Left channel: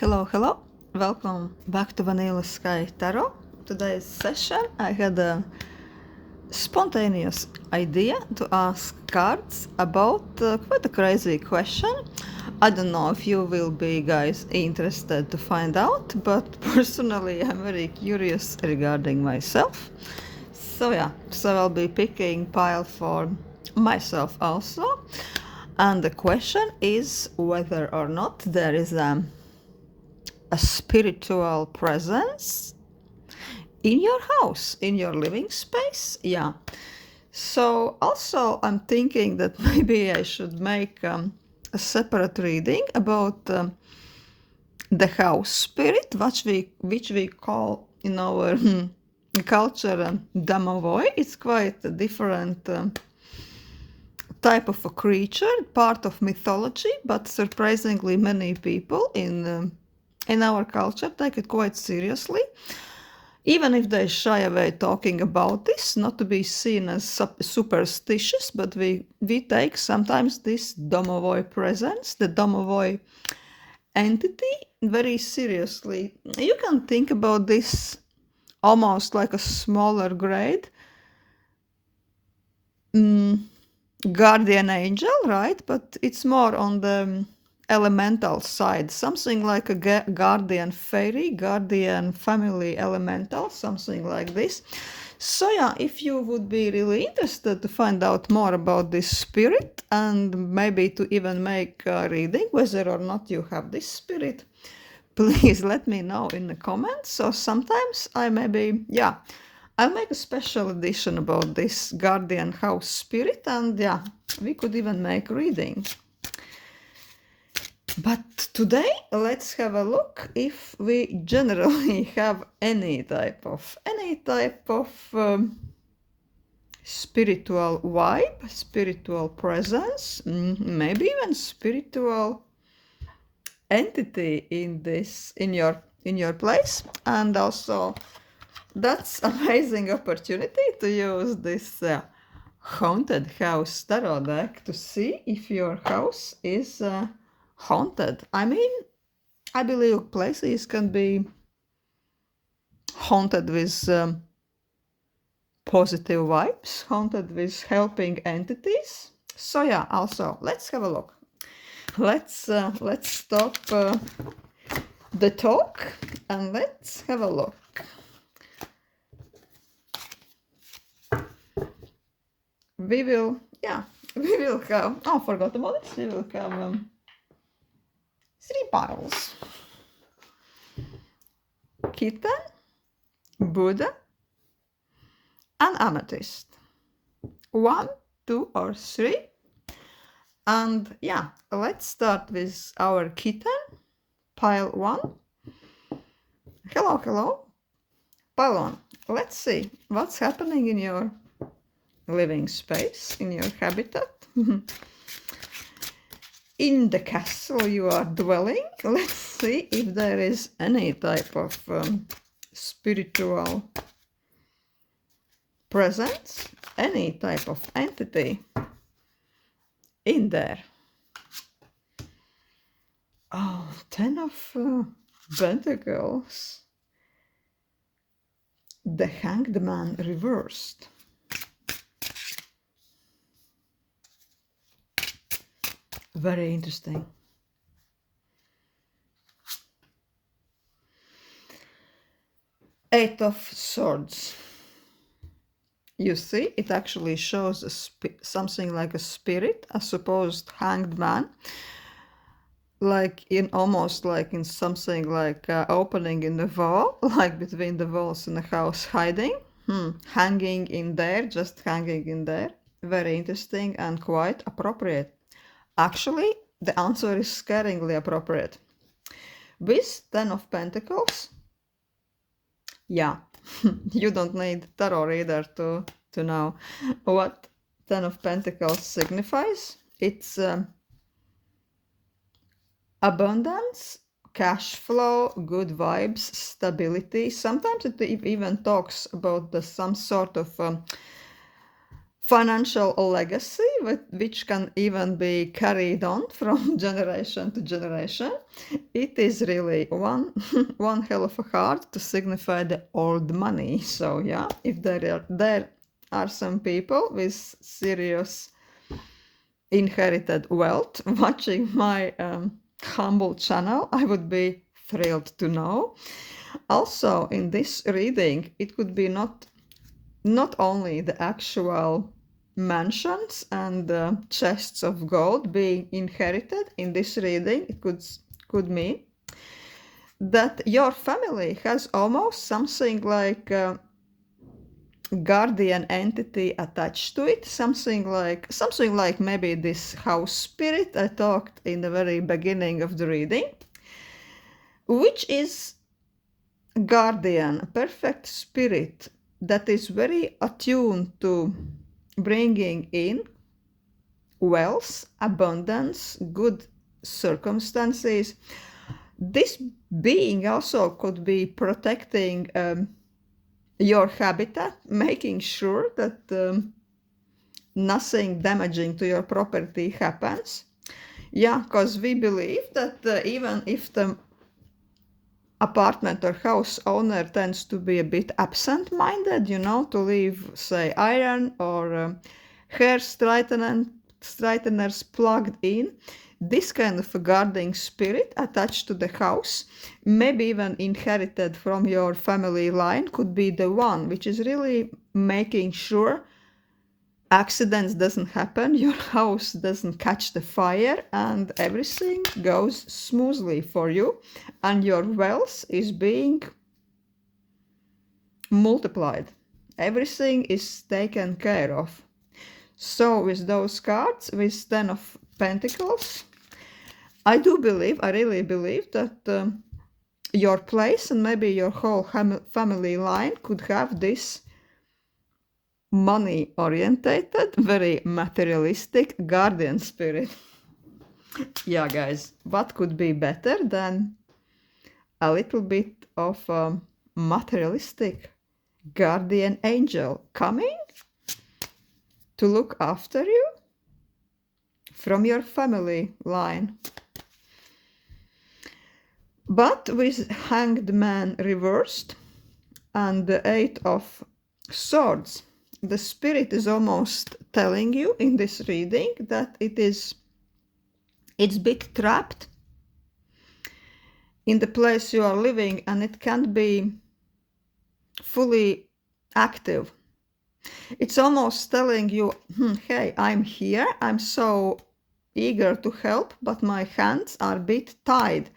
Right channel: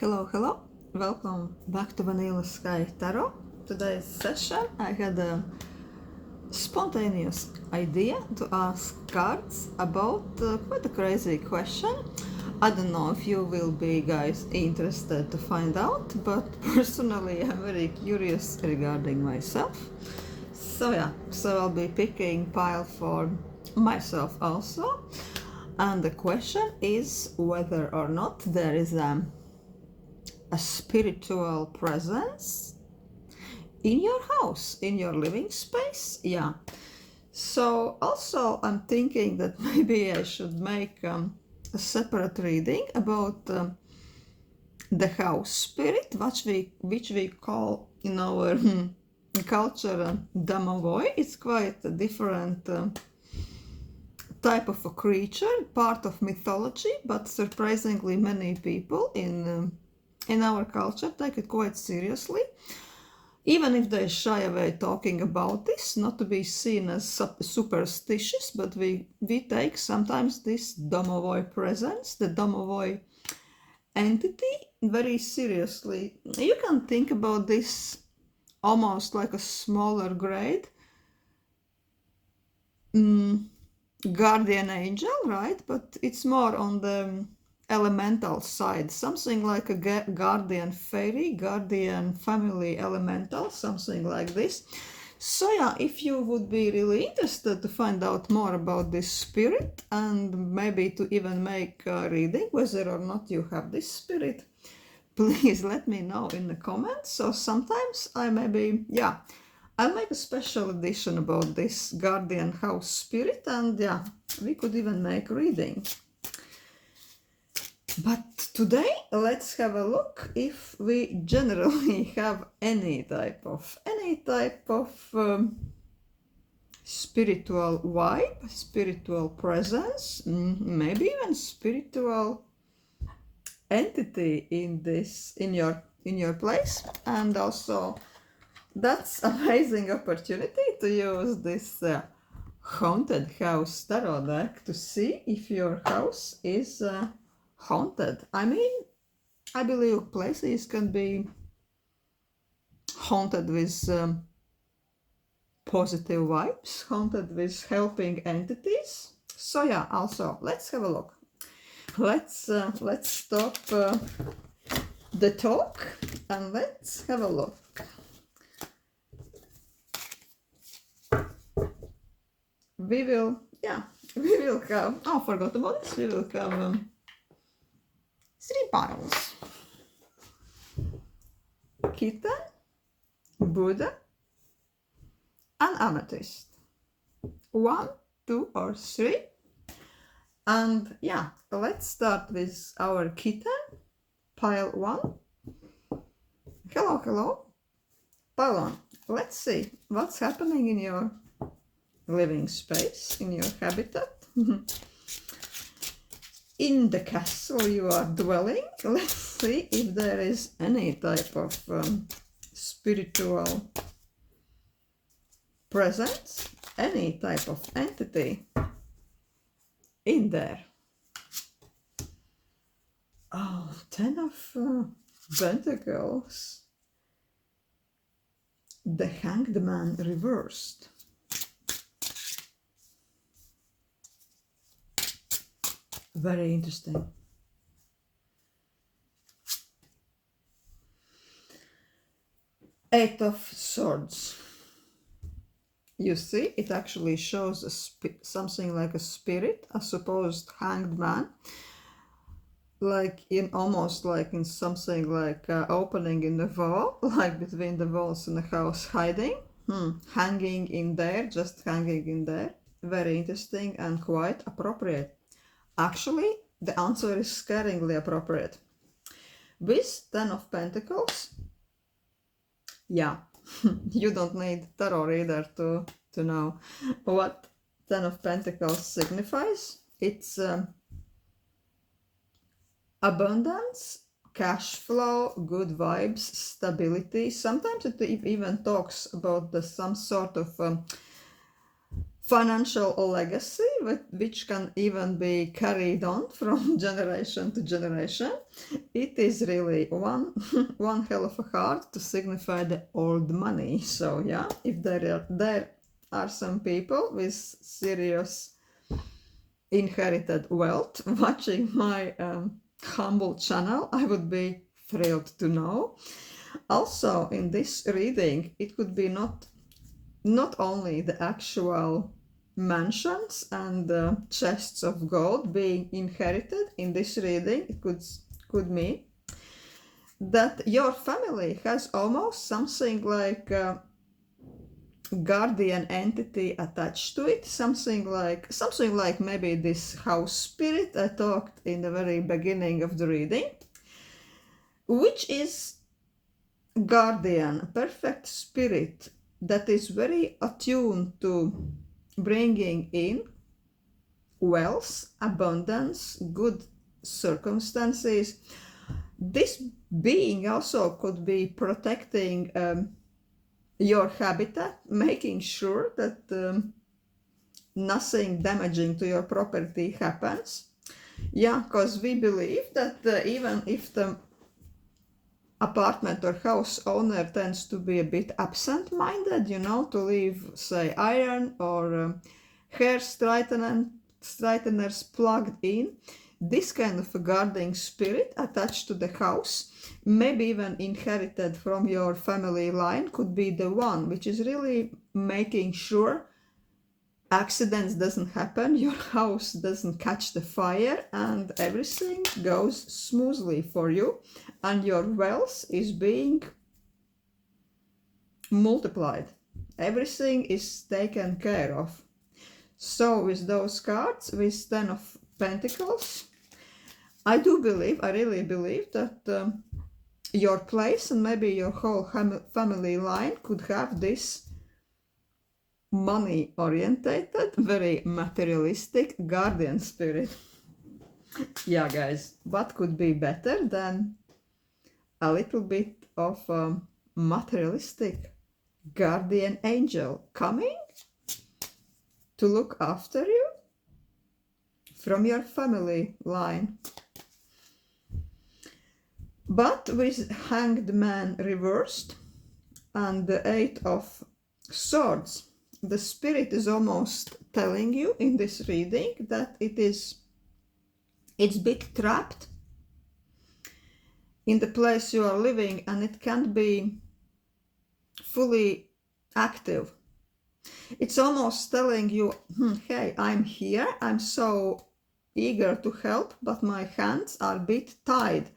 Hello. Welcome back to Vanilla Sky Tarot. Today's session, I had a spontaneous idea to ask cards about quite a crazy question. I don't know if you will be guys interested to find out, but personally I'm very curious regarding myself. So I'll be picking pile for myself also. And the question is whether or not there is a spiritual presence in your house, in your living space. Yeah. So also I'm thinking that maybe I should make a separate reading about the house spirit, which we call in our culture domovoi. It's quite a different type of a creature, part of mythology, but surprisingly many people in our culture take it quite seriously, even if they shy away talking about this, not to be seen as superstitious, but we take sometimes this domovoi presence, the domovoi entity, very seriously. You can think about this almost like a smaller grade guardian angel, right? But it's more on the elemental side, something like a guardian fairy, guardian family elemental, something like this. So yeah, if you would be really interested to find out more about this spirit and maybe to even make a reading whether or not you have this spirit, please let me know in the comments. So sometimes I'll make a special edition about this guardian house spirit, and yeah, we could even make reading. But today, let's have a look if we generally have any type of spiritual vibe, spiritual presence, maybe even spiritual entity in your place. And also that's amazing opportunity to use this haunted house tarot deck to see if your house is haunted. I mean, I believe places can be haunted with positive vibes, haunted with helping entities. So yeah, also let's have a look. Let's stop the talk and let's have a look. We will have, I forgot about this, we will have 3 piles. Kitten, Buddha, and Amethyst. 1, 2, or 3. And yeah, let's start with our kitten, pile 1. Hello. Pile 1. Let's see what's happening in your living space, in your habitat. In the castle you are dwelling. Let's see if there is any type of spiritual presence, any type of entity in there. Oh, 10 of Pentacles. The Hanged Man reversed. Very interesting. Eight of Swords. You see, it actually shows something like a spirit, a supposed hanged man, like almost like in something like opening in the wall, like between the walls in the house, hiding, hanging in there, just hanging in there. Very interesting and quite appropriate. Actually, the answer is scaringly appropriate. With 10 of Pentacles, yeah, you don't need tarot reader to know what 10 of Pentacles signifies. It's abundance, cash flow, good vibes, stability. Sometimes it even talks about some sort of financial legacy, which can even be carried on from generation to generation. It is really one hell of a card to signify the old money. So yeah, if there are some people with serious inherited wealth watching my humble channel, I would be thrilled to know. Also, in this reading, it could be not only the actual mansions and chests of gold being inherited in this reading. It could mean that your family has almost something like a guardian entity attached to it, something like maybe this house spirit I talked in the very beginning of the reading, which is guardian, a perfect spirit that is very attuned to bringing in wealth, abundance, good circumstances. This being also could be protecting your habitat, making sure that nothing damaging to your property happens. Yeah, because we believe that even if the apartment or house owner tends to be a bit absent-minded, to leave, say, iron or hair straighteners plugged in, this kind of a guarding spirit attached to the house, maybe even inherited from your family line, could be the one which is really making sure accidents doesn't happen, your house doesn't catch the fire, and everything goes smoothly for you, and your wealth is being multiplied. Everything is taken care of. So with those cards, with 10 of Pentacles, I really believe that your place and maybe your whole family line could have this money orientated, very materialistic guardian spirit. Yeah, guys, what could be better than a little bit of a materialistic guardian angel coming to look after you from your family line? But with Hanged Man reversed and the 8 of Swords, the spirit is almost telling you in this reading that it's a bit trapped in the place you are living, and it can't be fully active. It's almost telling you, hey, I'm here, I'm so eager to help, but my hands are a bit tied.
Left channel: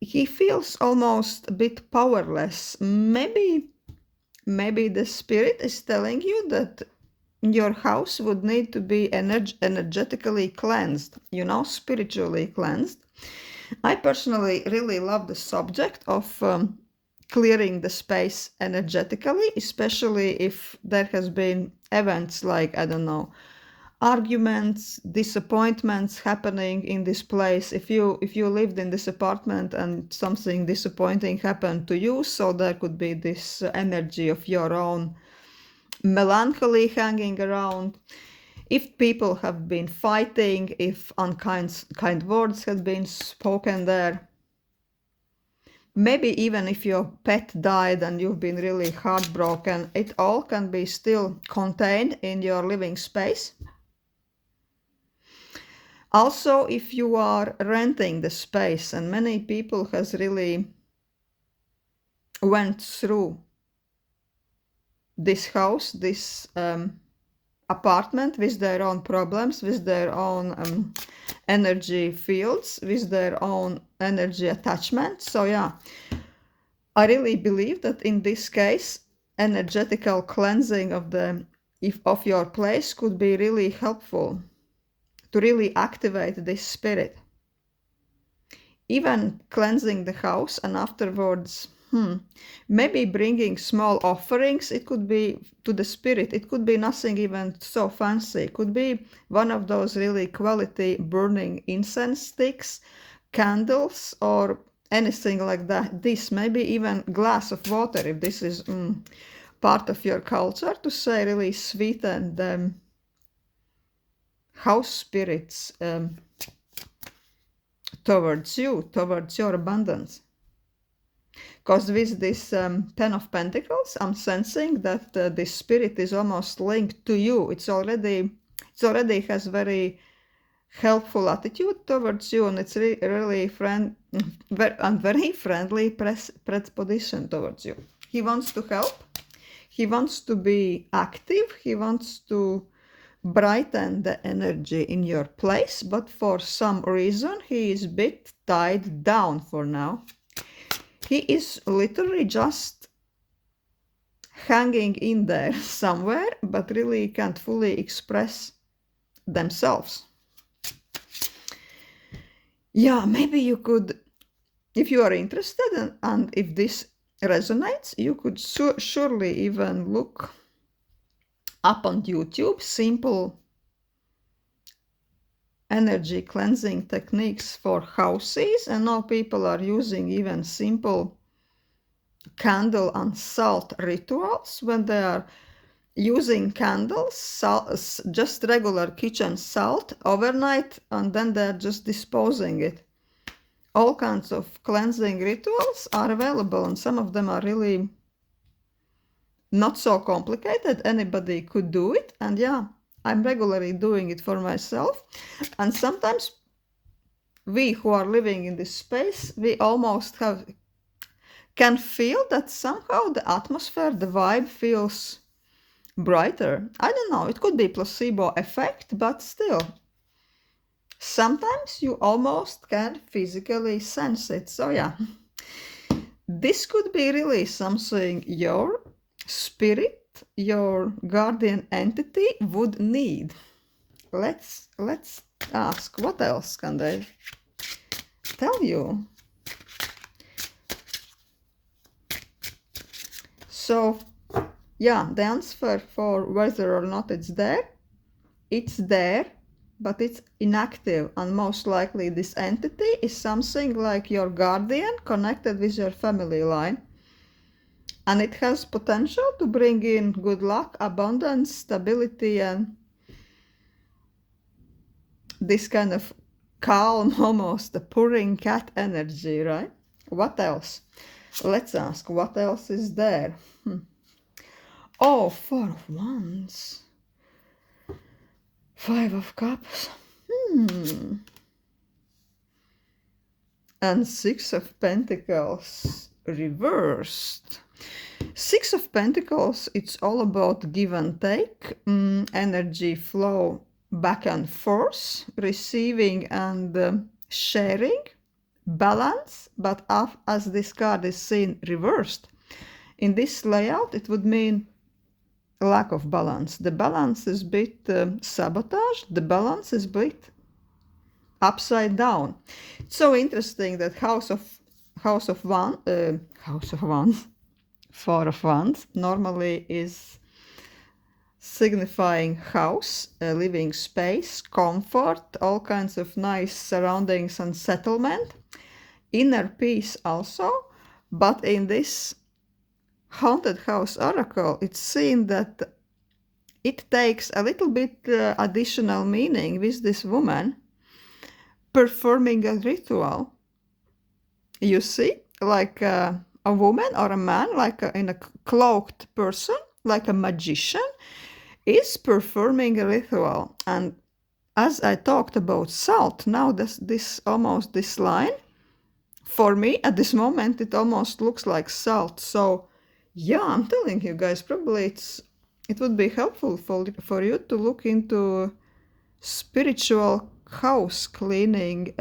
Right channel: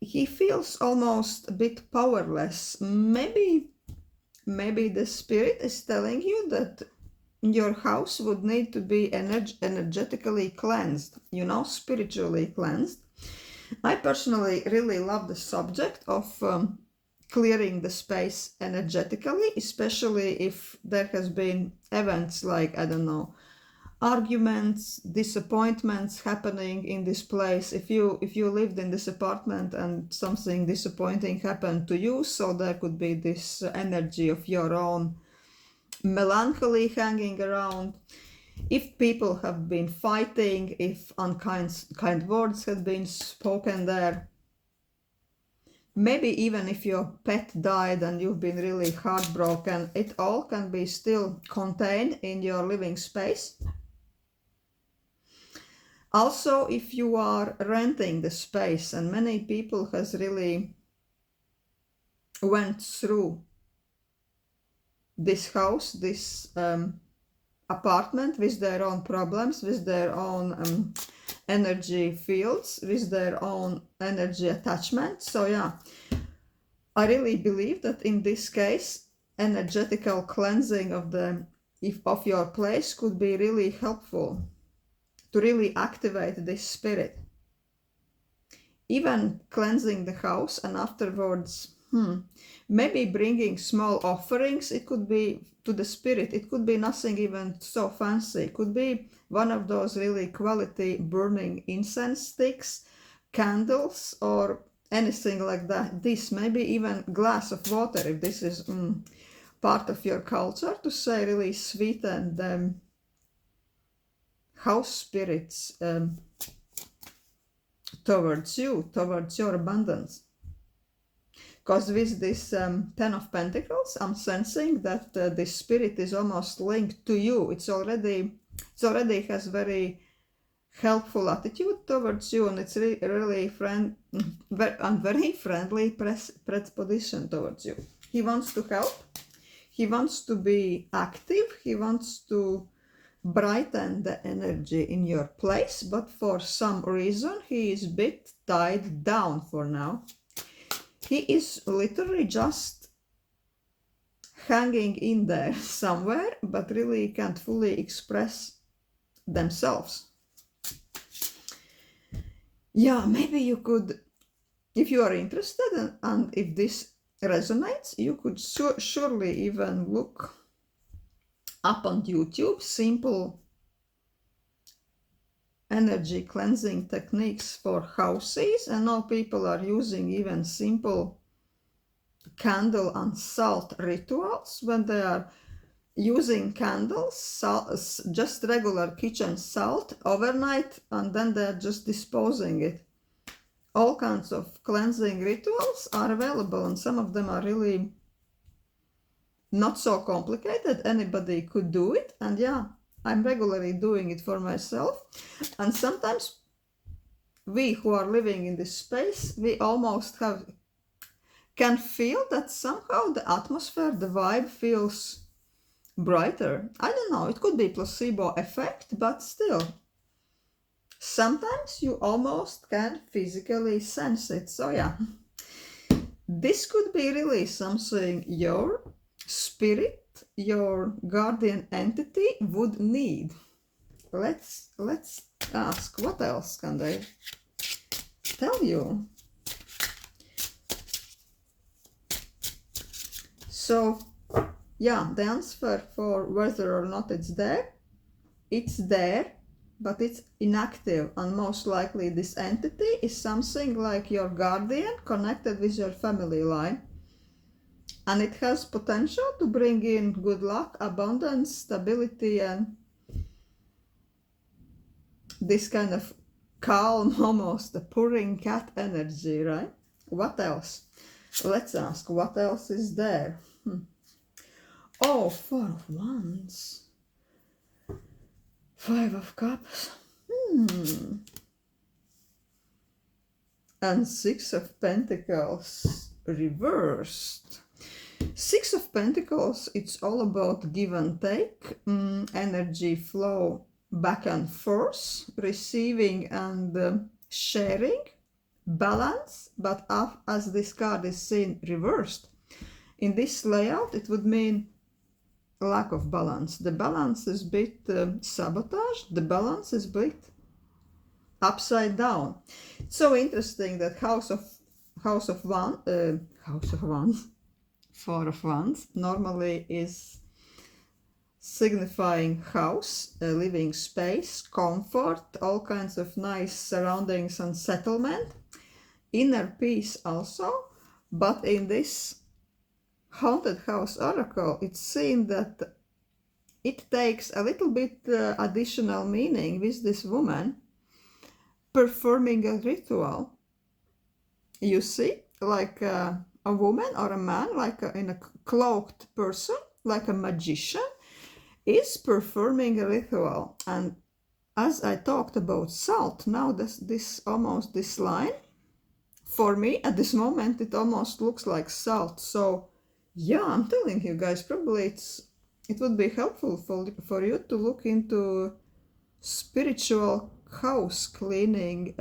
He feels almost a bit powerless. Maybe the spirit is telling you that your house would need to be energetically cleansed, spiritually cleansed. I personally really love the subject of clearing the space energetically, especially if there has been events like, I don't know, arguments, disappointments happening in this place. If you lived in this apartment and something disappointing happened to you, so there could be this energy of your own melancholy hanging around. If people have been fighting, if unkind words have been spoken there, maybe even if your pet died and you've been really heartbroken, it all can be still contained in your living space. Also, if you are renting the space, and many people has really went through this house, this apartment with their own problems, with their own energy fields, with their own energy attachment. So yeah, I really believe that in this case, energetical cleansing of your place could be really helpful to really activate this spirit. Even cleansing the house and afterwards, maybe bringing small offerings. It could be to the spirit. It could be nothing even so fancy. It could be one of those really quality burning incense sticks, candles, or anything like that. This, maybe even glass of water if this is part of your culture to say really sweeten the house spirits towards you, towards your abundance. Because with this Ten of Pentacles, I'm sensing that this spirit is almost linked to you. It already has very helpful attitude towards you, and it's really very friendly predisposition towards you. He wants to help. He wants to be active. He wants to brighten the energy in your place, but for some reason he is a bit tied down for now. He is literally just hanging in there somewhere, but really can't fully express themselves. Yeah, maybe you could, if you are interested and if this resonates, you could surely even look up on YouTube simple energy cleansing techniques for houses, and now people are using even simple candle and salt rituals when they are using candles, salt, just regular kitchen salt overnight, and then they're just disposing it. All kinds of cleansing rituals are available, and some of them are really not so complicated. Anybody could do it, and yeah, I'm regularly doing it for myself. And sometimes we who are living in this space, we almost can feel that somehow the atmosphere, the vibe feels brighter. I don't know, it could be placebo effect, but still, sometimes you almost can physically sense it. So yeah, this could be really something your spirit, your guardian entity would need. Let's ask, what else can they tell you? So yeah, the answer for whether or not it's there, but it's inactive, and most likely this entity is something like your guardian connected with your family line, and it has potential to bring in good luck, abundance, stability, and this kind of calm, almost a purring cat energy, right? What else? Let's ask, what else is there? Oh, Four of Wands. Five of Cups. And Six of Pentacles reversed. Six of Pentacles, it's all about give and take, energy flow back and forth, receiving and sharing, balance, but as this card is seen reversed, in this layout it would mean lack of balance. The balance is a bit sabotaged, the balance is a bit upside down. It's so interesting that House of Wands, Four of Wands, normally is signifying house, a living space, comfort, all kinds of nice surroundings and settlement, inner peace also. But in this Haunted House Oracle, it's seen that it takes a little bit additional meaning with this woman performing a ritual. You see, like a woman or a man, like in a cloaked person, like a magician, is performing a ritual. And as I talked about salt, now this line, for me at this moment, it almost looks like salt. So yeah, I'm telling you guys, probably it would be helpful for you to look into spiritual house cleaning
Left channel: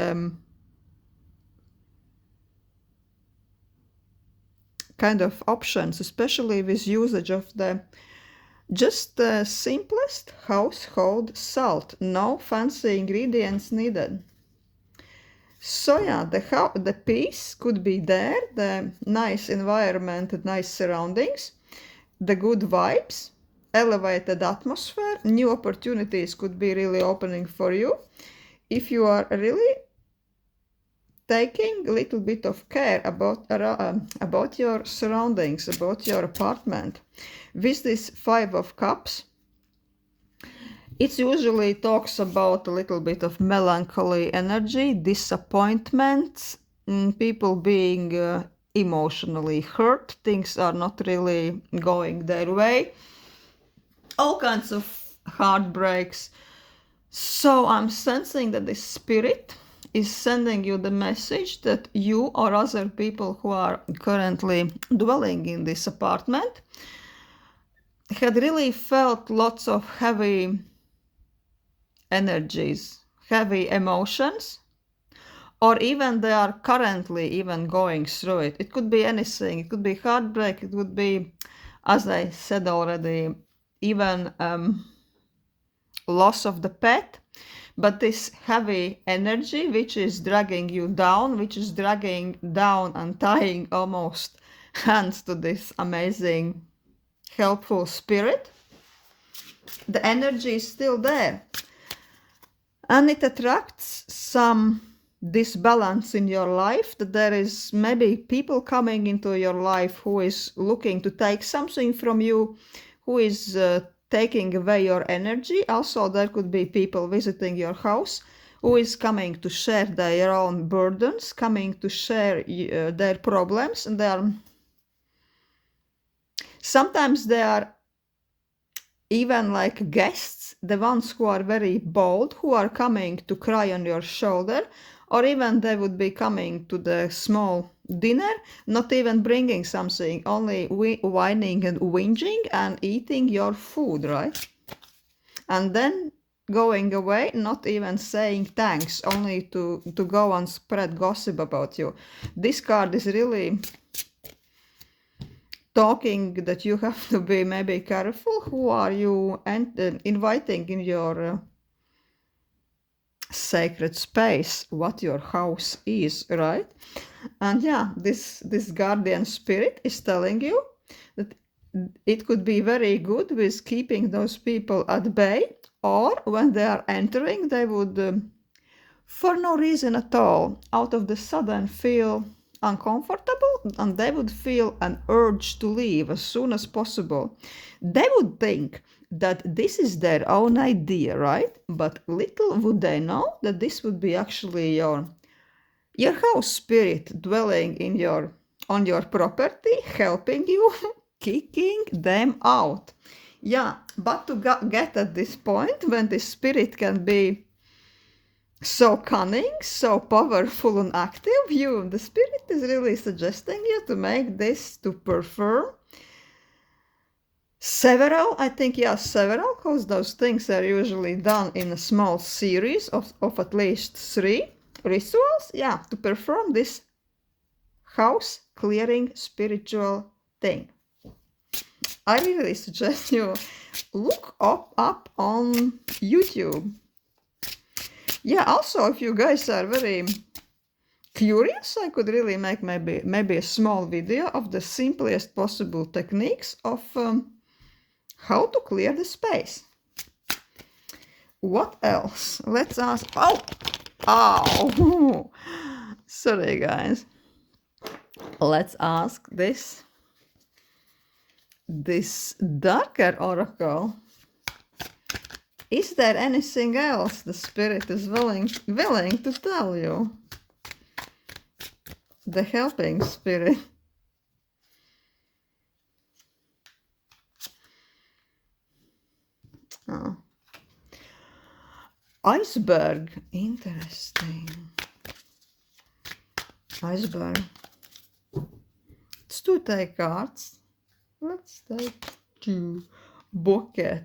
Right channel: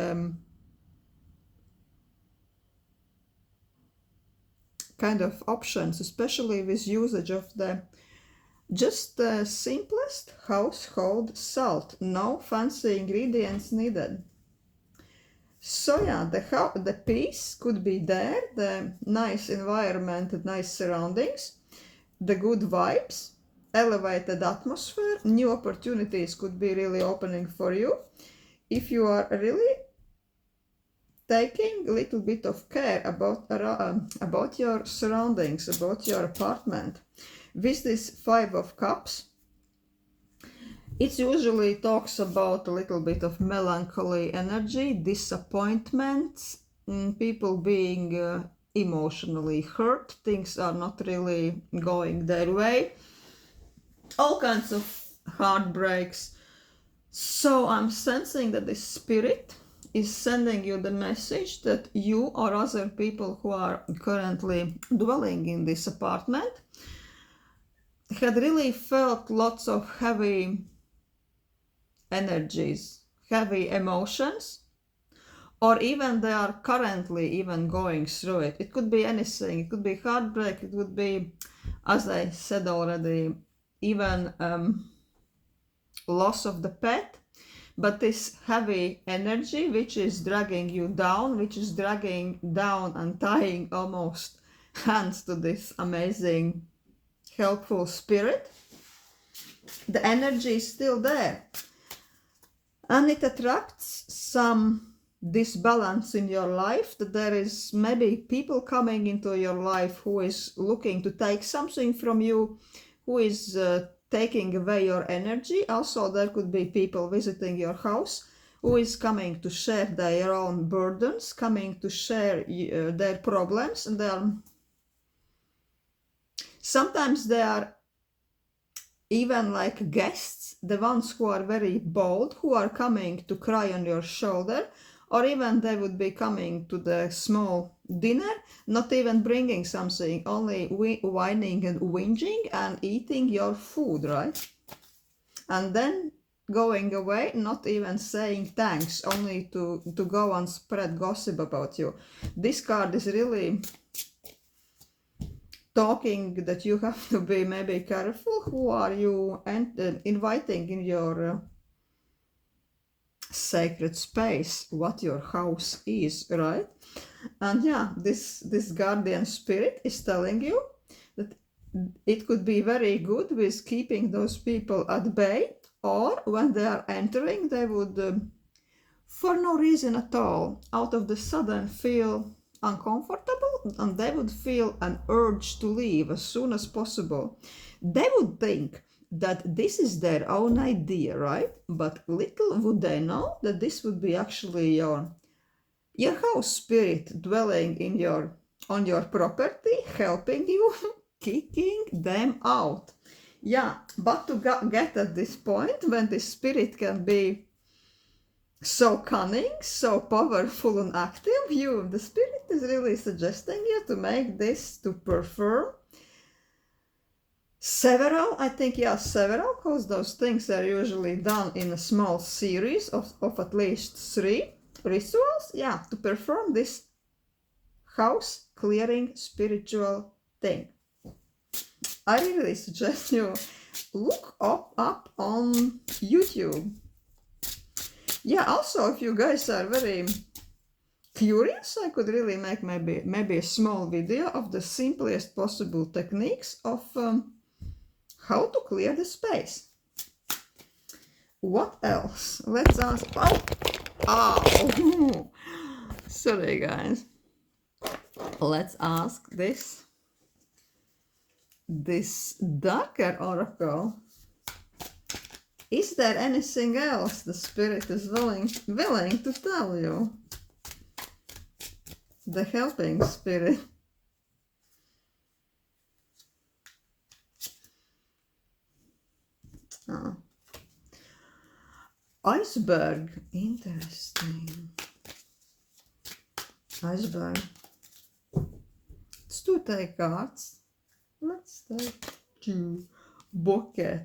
kind of options, especially with usage of the simplest household salt, no fancy ingredients needed. So yeah, the peace could be there, the nice environment, the nice surroundings, the good vibes, elevated atmosphere, new opportunities could be really opening for you if you are really taking a little bit of care about your surroundings, about your apartment. with this Five of Cups, it usually talks about a little bit of melancholy energy, disappointments, people being emotionally hurt, things are not really going their way, all kinds of heartbreaks. So I'm sensing that the Spirit is sending you the message that you or other people who are currently dwelling in this apartment had really felt lots of heavy energies, heavy emotions, or even they are currently even going through it. It could be anything. It could be heartbreak. It would be, as I said already, even loss of the pet. But this heavy energy, which is dragging you down, which is dragging down and tying almost hands to this amazing, helpful Spirit, the energy is still there. And it attracts some disbalance in your life, that there is maybe people coming into your life who is looking to take something from you, who is taking away your energy. Also, there could be people visiting your house who is coming to share their own burdens, coming to share their problems, and sometimes they are even like guests, the ones who are very bold, who are coming to cry on your shoulder, or even they would be coming to the small dinner, not even bringing something, only whining and whinging and eating your food, right? And then going away, not even saying thanks, only to go and spread gossip about you. This card is really talking that you have to be maybe careful who are you inviting in your sacred space, what your house is, right? And yeah, this guardian spirit is telling you that it could be very good with keeping those people at bay, or when they are entering, they would for no reason at all, out of the sudden, feel uncomfortable, and they would feel an urge to leave as soon as possible. They would think that this is their own idea, right? But little would they know that this would be actually your house spirit dwelling in on your property, helping you, kicking them out. Yeah, but to get at this point when the spirit can be so cunning, so powerful and active, the spirit is really suggesting you to make this, to perform several, because those things are usually done in a small series of at least 3 rituals. Yeah, to perform this house clearing spiritual thing. I really suggest you look up on YouTube. Yeah, also, if you guys are very curious, I could really make maybe a small video of the simplest possible techniques of how to clear the space. What else? Let's ask. Oh, sorry guys. Let's ask this darker oracle. Is there anything else the spirit is willing to tell you? The helping spirit. Oh. Iceberg. Interesting. Iceberg. Let's 2 take cards. Let's take 2. Bouquet.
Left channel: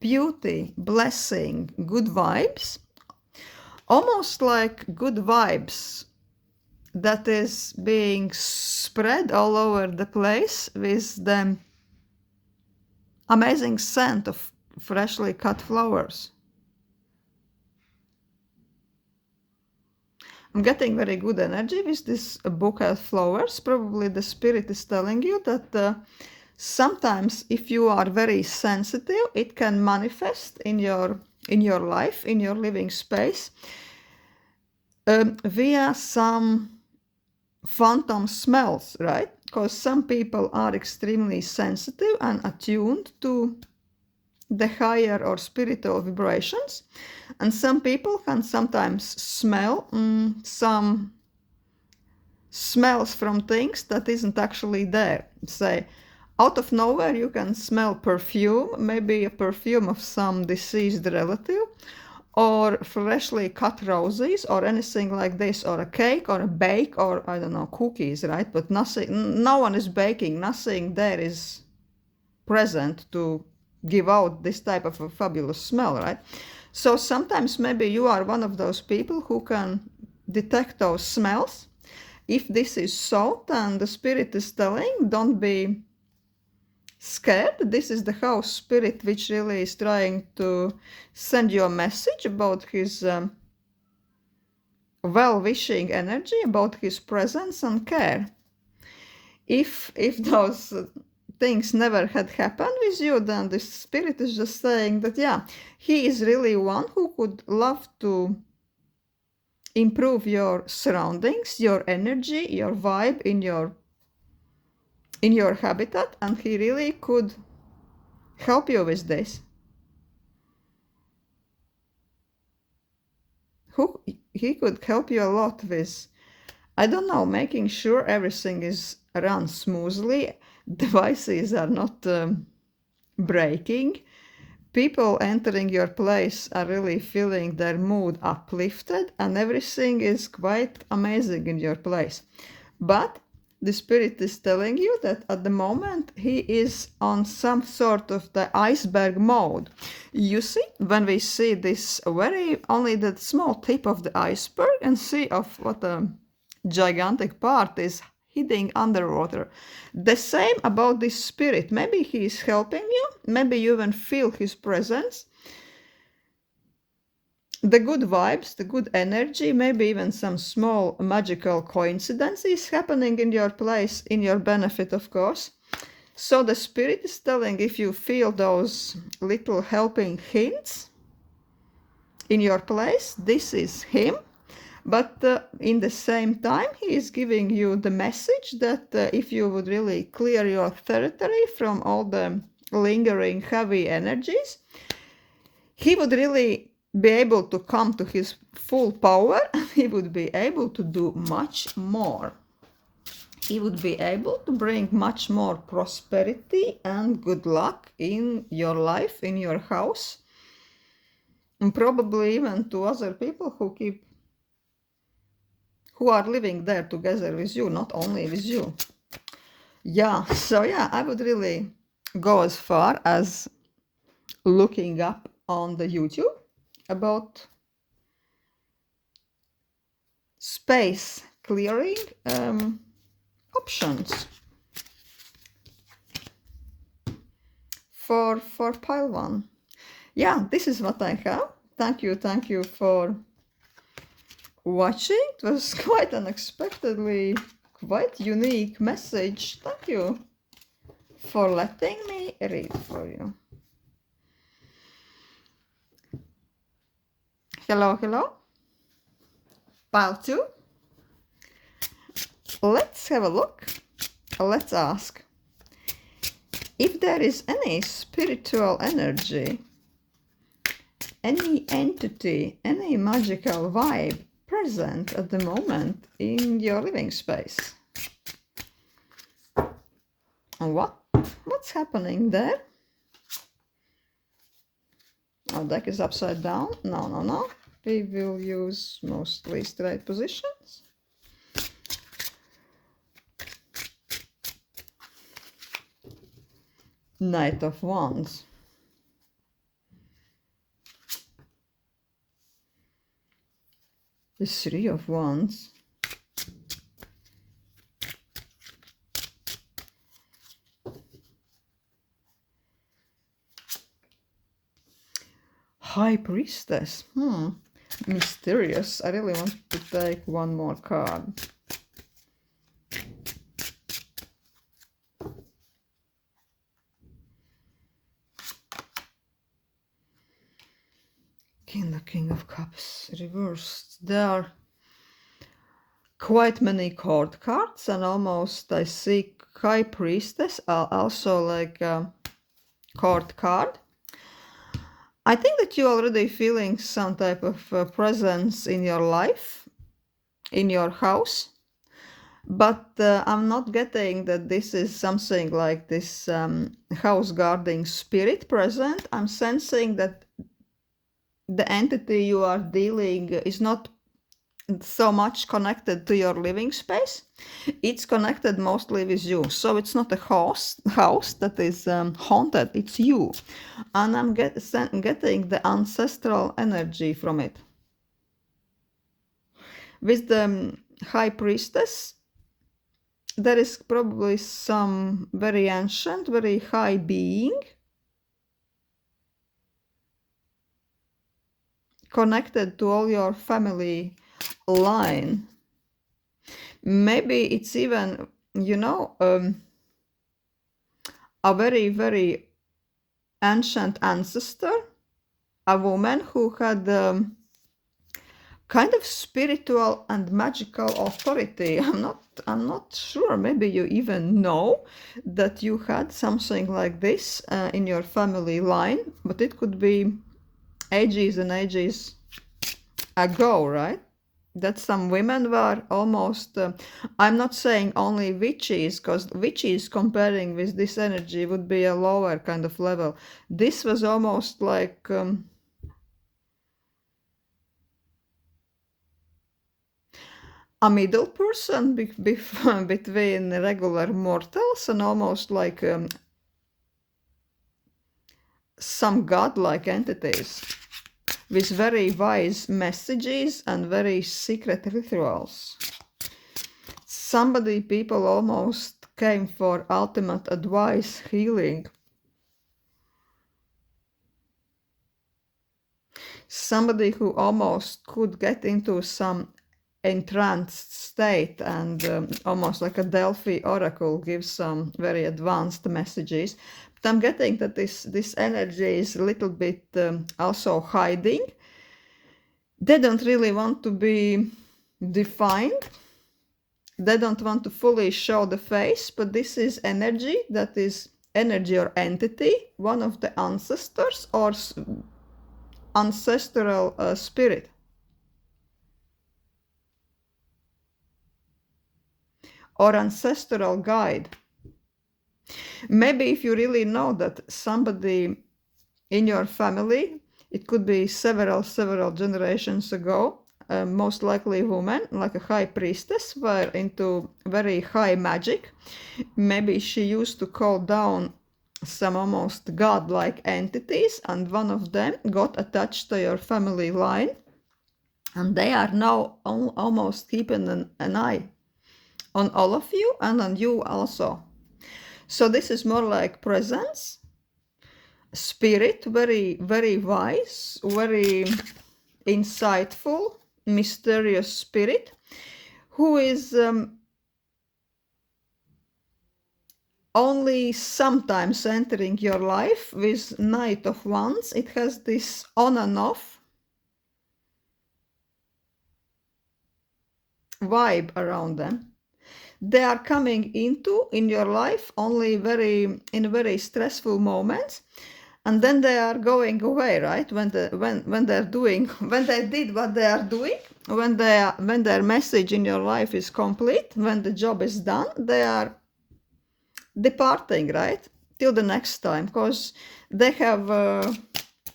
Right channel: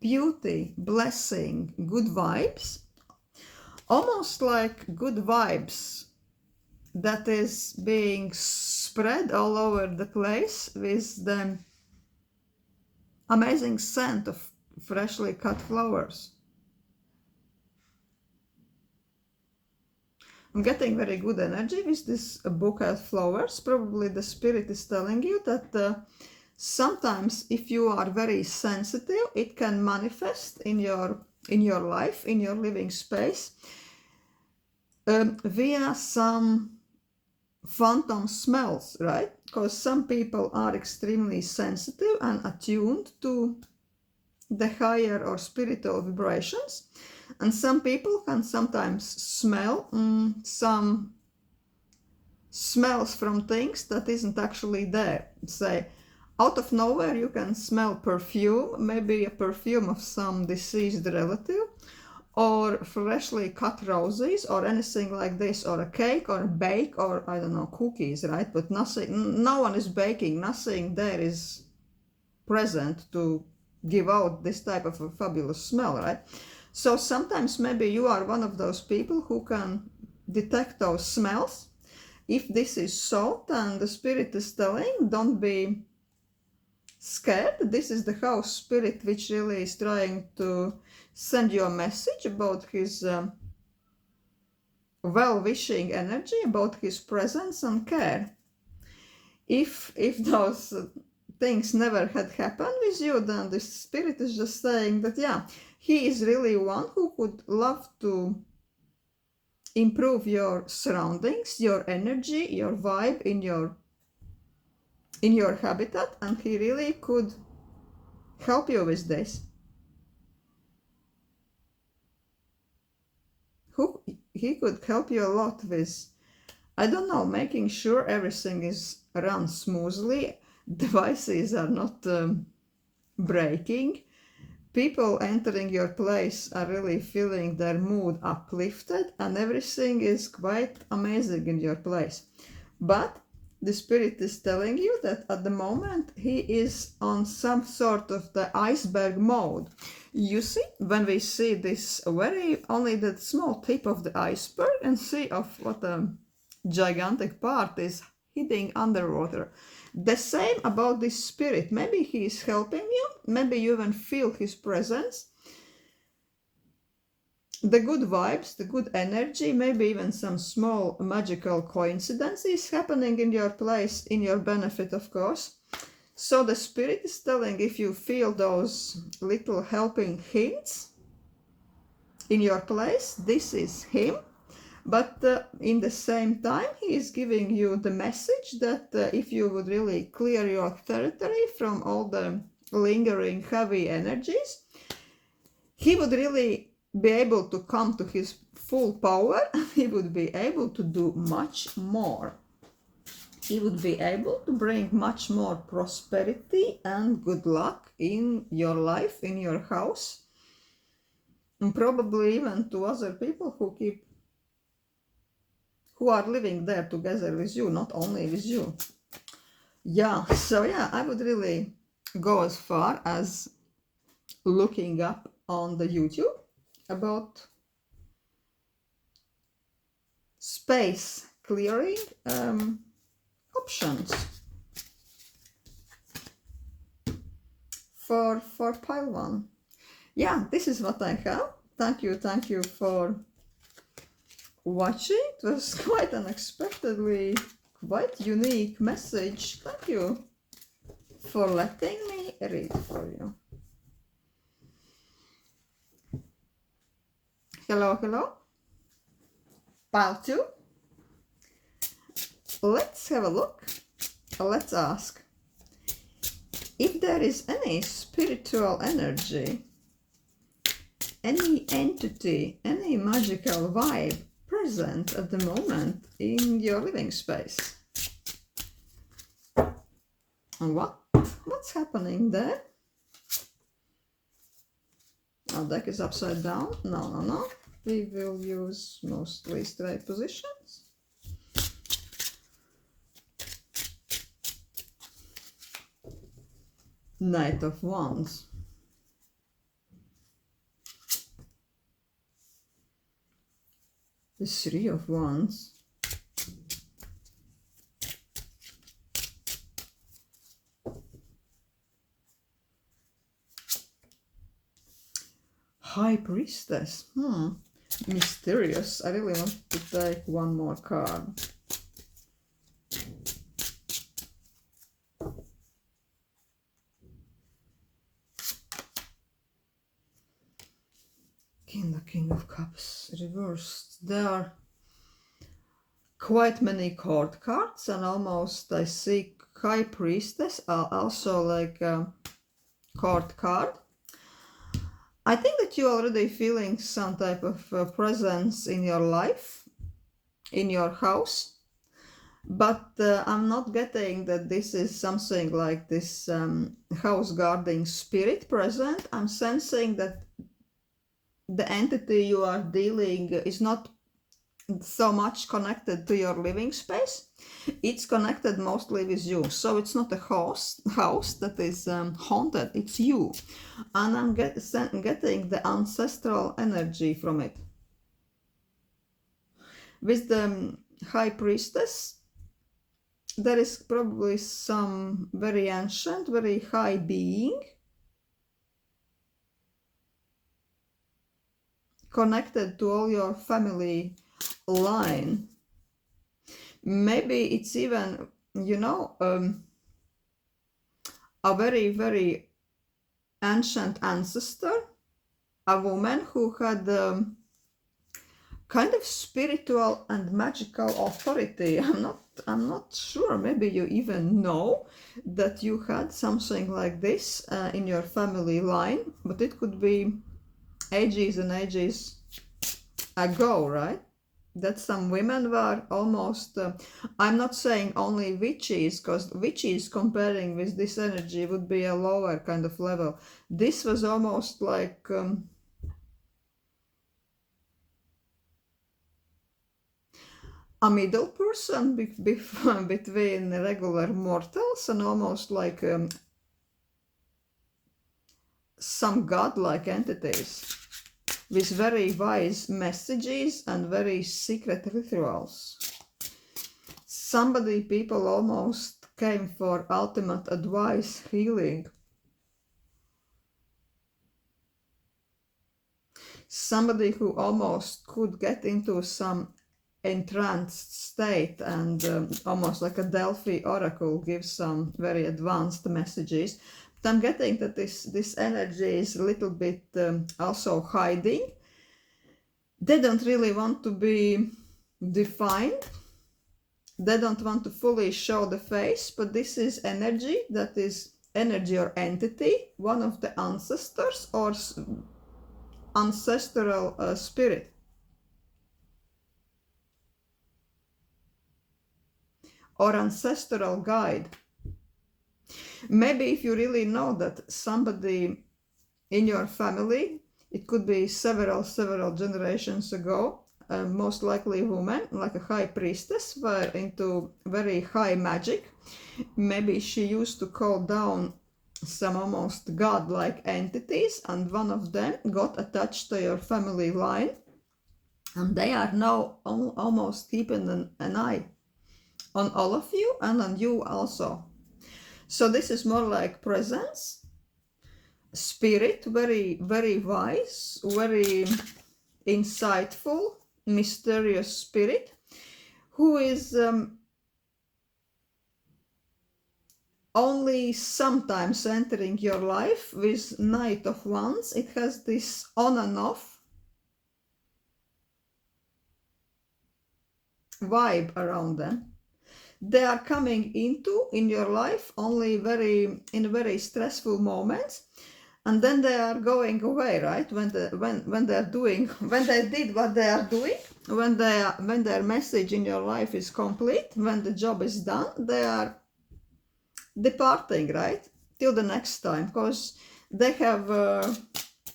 Beauty, blessing, good vibes. Almost like good vibes that is being spread all over the place with the amazing scent of freshly cut flowers. I'm getting very good energy with this bouquet of flowers. Probably the spirit is telling you that sometimes if you are very sensitive, it can manifest in your life, in your living space, via some phantom smells, right? because some people are extremely sensitive and attuned to the higher or spiritual vibrations, and some people can sometimes smell some smells from things that isn't actually there. Say, out of nowhere you can smell perfume, maybe a perfume of some deceased relative, or freshly cut roses, or anything like this, or a cake, or a bake, or I don't know, cookies, right? But nothing, no one is baking, nothing there is present to give out this type of a fabulous smell, right? So sometimes maybe you are one of those people who can detect those smells. If this is so, then the spirit is telling, don't be scared. This is the house spirit which really is trying to send you a message about his well-wishing energy, about his presence and care. If those things never had happened with you, then the spirit is just saying that, yeah, he is really one who could love to improve your surroundings, your energy, your vibe in your habitat, and he really could help you with this. He could help you a lot with, I don't know, making sure everything is run smoothly, devices are not breaking, people entering your place are really feeling their mood uplifted, and everything is quite amazing in your place. But the spirit is telling you that at the moment he is on some sort of the iceberg mode. You see, when we see this very only the small tip of the iceberg and see of what a gigantic part is hidden underwater. The same about this spirit. Maybe he is helping you, maybe you even feel his presence. The good vibes, the good energy, maybe even some small magical coincidences happening in your place, in your benefit, of course. So the spirit is telling, if you feel those little helping hints in your place, this is him. But in the same time, he is giving you the message that if you would really clear your territory from all the lingering heavy energies, he would really be able to come to his full power, and he would be able to do much more. He would be able to bring much more prosperity and good luck in your life, in your house, and probably even to other people who are living there together with you, not only with you. Yeah, so yeah, I would really go as far as looking up on the YouTube about space clearing options for pile 1. Yeah, this is what I have. Thank you for watching. It was quite unexpectedly quite unique message. Thank you for letting me read for you. Hello. Pile 2. Let's have a look. Let's ask if there is any spiritual energy, any entity, any magical vibe present at the moment in your living space. And what's happening there? Our deck is upside down. No. We will use mostly straight positions. Knight of Wands. The Three of Wands. High Priestess. Mysterious. I really want to take one more card. The King of Cups reversed. There are quite many court cards, and almost I see High Priestess, also like a court card. I think that you're already feeling some type of presence in your life, in your house. But I'm not getting that this is something like this house guarding spirit present. I'm sensing that the entity you are dealing is not so much connected to your living space. It's connected mostly with you. So it's not a house that is haunted, it's you. And I'm getting the ancestral energy from it. With the High Priestess, there is probably some very ancient, very high being connected to all your family line. Maybe it's even, a very, very ancient ancestor, a woman who had kind of spiritual and magical authority. I'm not sure. Maybe you even know that you had something like this in your family line, but it could be ages and ages ago, right? That some women were almost, I'm not saying only witches, because witches comparing with this energy would be a lower kind of level. This was almost like a middle person between regular mortals and almost like some godlike entities with very wise messages and very secret rituals. People almost came for ultimate advice, healing. Somebody who almost could get into some entranced state and almost like a Delphi oracle gives some very advanced messages. But I'm getting that this energy is a little bit also hiding. They don't really want to be defined. They don't want to fully show the face, but this is energy that is energy or entity, one of the ancestors or ancestral spirit. Or ancestral guide. Maybe if you really know that somebody in your family, it could be several generations ago, most likely woman, like a high priestess, were into very high magic. Maybe she used to call down some almost godlike entities, and one of them got attached to your family line, and they are now almost keeping an eye on all of you and on you also. So this is more like presence, spirit, very, very wise, very insightful, mysterious spirit, who is only sometimes entering your life with Knight of Wands. It has this on and off vibe around them. They are coming in your life only in very stressful moments, and then they are going away, right? When they did what they are doing, when their message in your life is complete, when the job is done, they are departing, right? Till the next time, because they have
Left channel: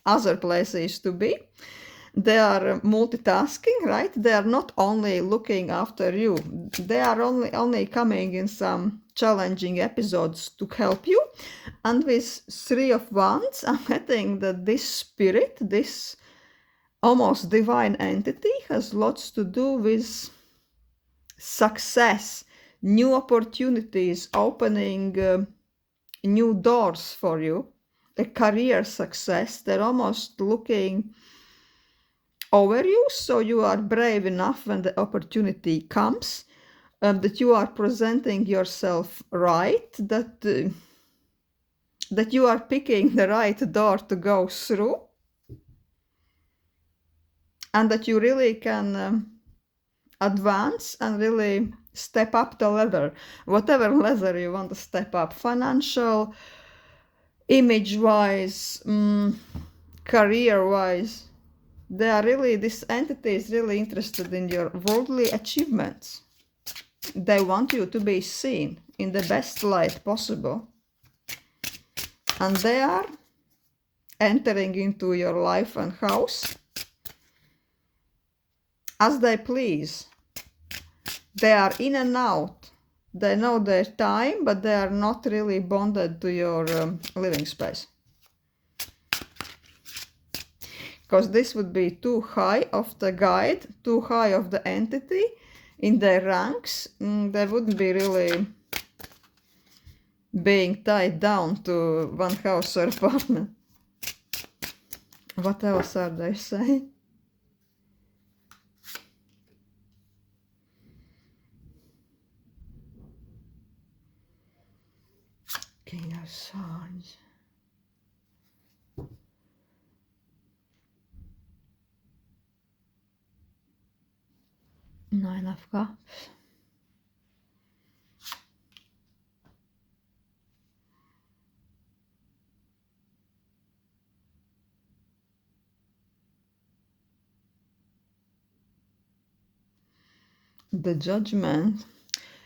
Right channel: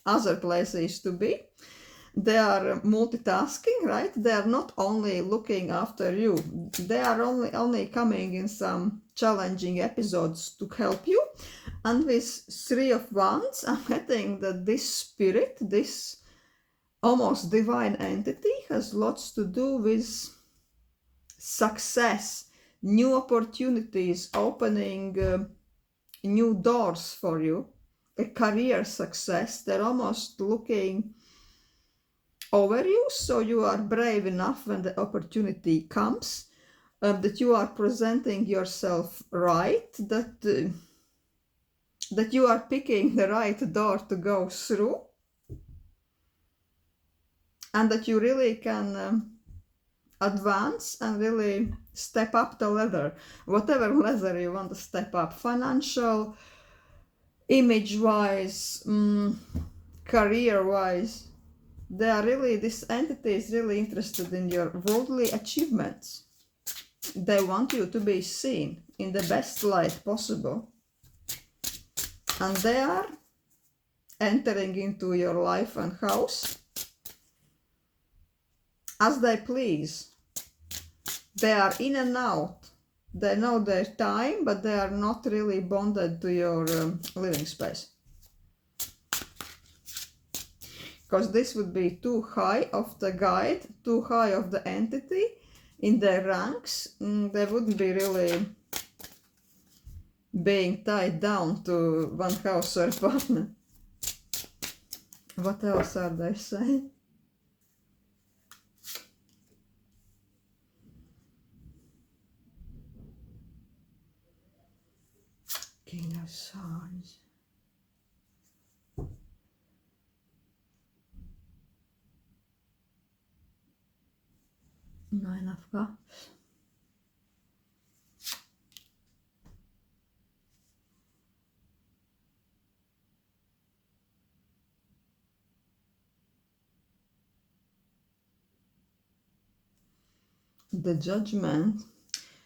other places to be. They are multitasking, right? They are not only looking after you. They are only coming in some challenging episodes to help you. And with Three of Wands, I'm getting that this spirit, this almost divine entity, has lots to do with success, new opportunities, opening new doors for you, a career success. They're almost looking over you, so you are brave enough when the opportunity comes, that you are presenting yourself right, that you are picking the right door to go through, and that you really can advance and really step up the ladder, whatever ladder you want to step up, financial, image-wise, career-wise. They are really, this entity is really interested in your worldly achievements. They want you to be seen in the best light possible. And they are entering into your life and house as they please. They are in and out. They know their time, but they are not really bonded to your living space. Because this would be too high of the guide, too high of the entity in their ranks. They wouldn't be really being tied down to one house or apartment. What else are they saying? King of Swords. Nine of Cups. The Judgment.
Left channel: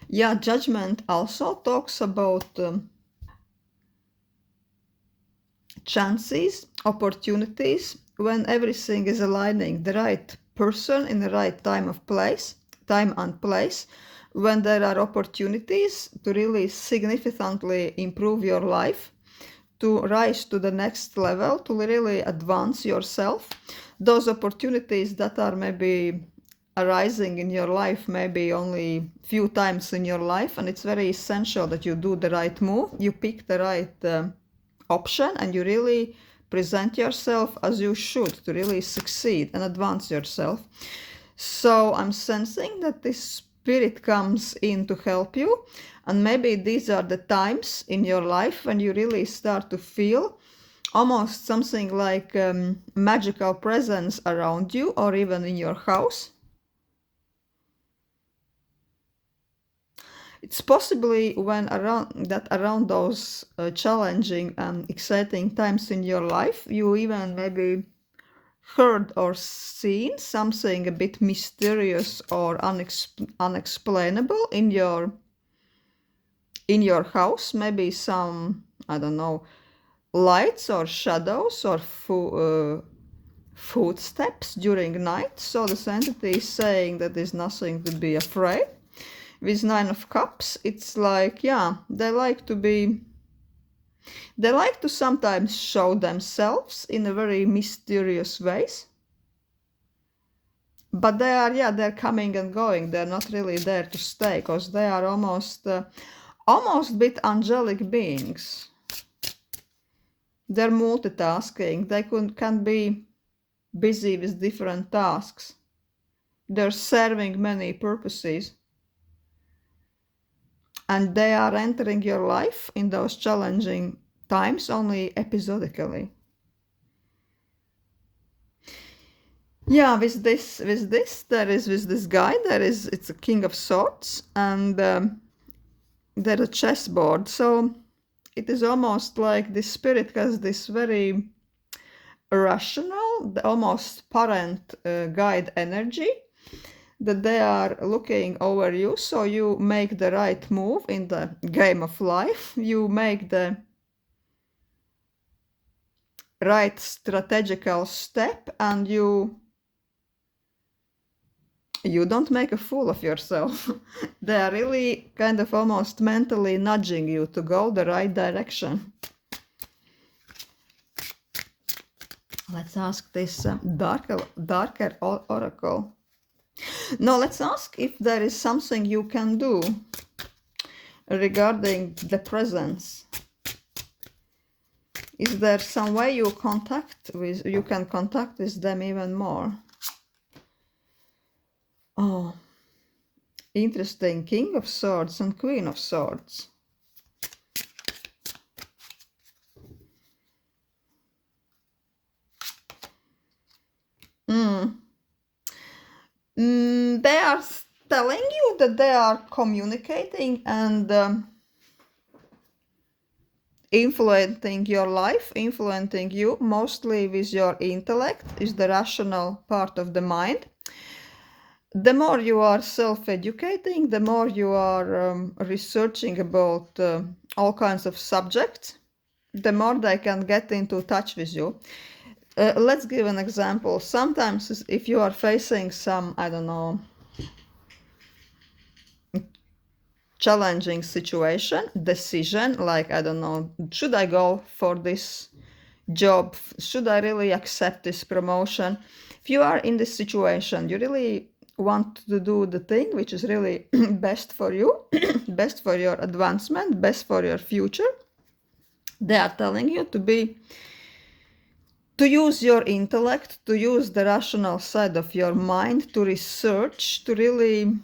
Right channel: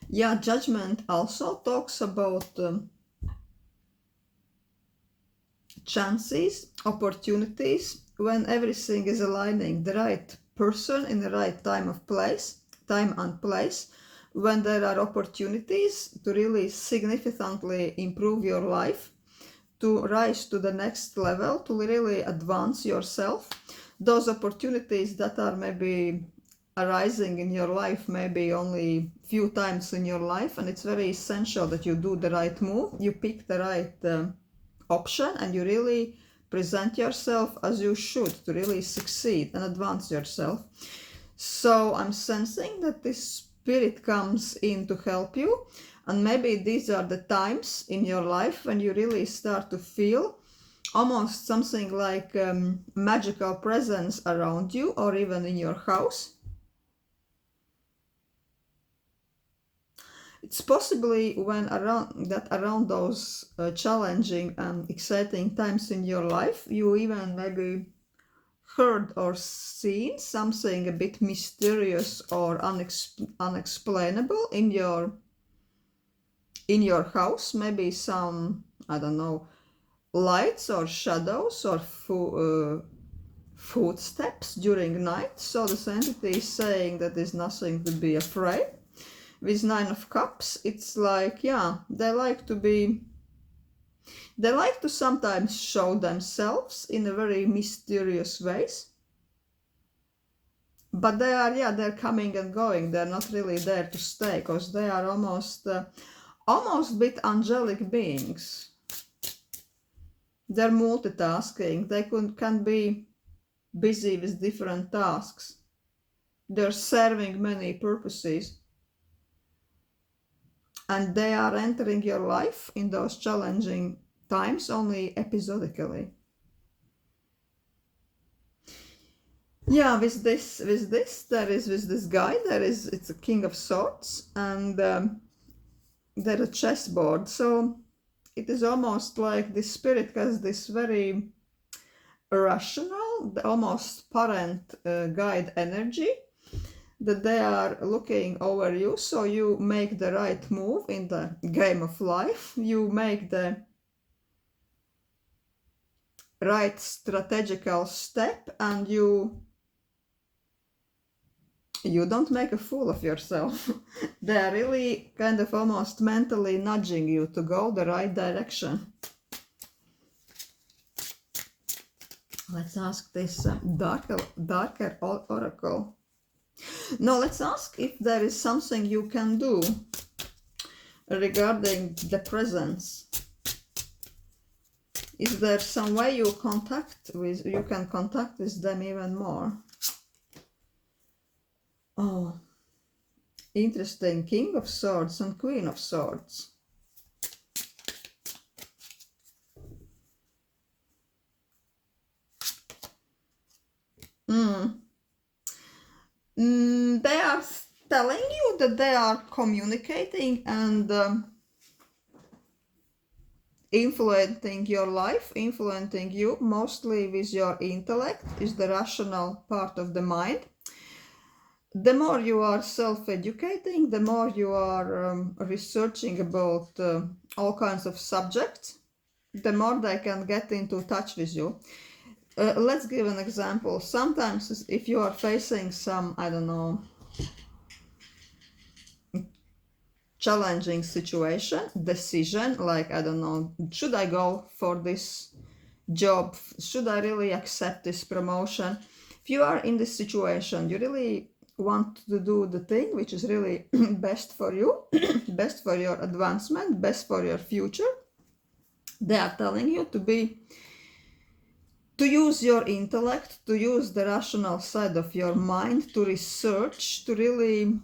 Yeah, Judgment also talks about chances, opportunities, when everything is aligning, the right person in the right time and place, when there are opportunities to really significantly improve your life, to rise to the next level, to really advance yourself. Those opportunities that are maybe arising in your life maybe only few times in your life, and it's very essential that you do the right move, you pick the right option, and you really present yourself as you should to really succeed and advance yourself. So I'm sensing that this spirit comes in to help you, and maybe these are the times in your life when you really start to feel almost something like magical presence around you, or even in your house. It's possibly when around those challenging and exciting times in your life, you even maybe heard or seen something a bit mysterious or unexplainable in your house. Maybe some, I don't know, lights or shadows or footsteps during night. So this entity is saying that there's nothing to be afraid. With Nine of Cups, it's like, yeah, they like to sometimes show themselves in a very mysterious ways. But they're coming and going. They're not really there to stay, because they are almost bit angelic beings. They're multitasking. They can be busy with different tasks. They're serving many purposes. And they are entering your life in those challenging times only episodically. Yeah, with this guy, it's a King of Swords, and there's a chessboard. So it is almost like this spirit has this very rational, almost parent guide energy, that they are looking over you, so you make the right move in the game of life, you make the right strategical step, and you don't make a fool of yourself. They are really kind of almost mentally nudging you to go the right direction. Let's ask this darker oracle. Now let's ask if there is something you can do regarding the presence. Is there some way you can contact with them even more? Oh, interesting. King of Swords and Queen of Swords. They are telling you that they are communicating and influencing your life, influencing you mostly with your intellect, is the rational part of the mind. The more you are self-educating, the more you are researching about all kinds of subjects, the more they can get into touch with you. Let's give an example. Sometimes if you are facing some, I don't know, challenging situation, decision, like, I don't know, should I go for this job? Should I really accept this promotion? If you are in this situation, you really want to do the thing which is really best for you, best for your advancement, best for your future. They are telling you to use your intellect, to use the rational side of your mind, to research, to really.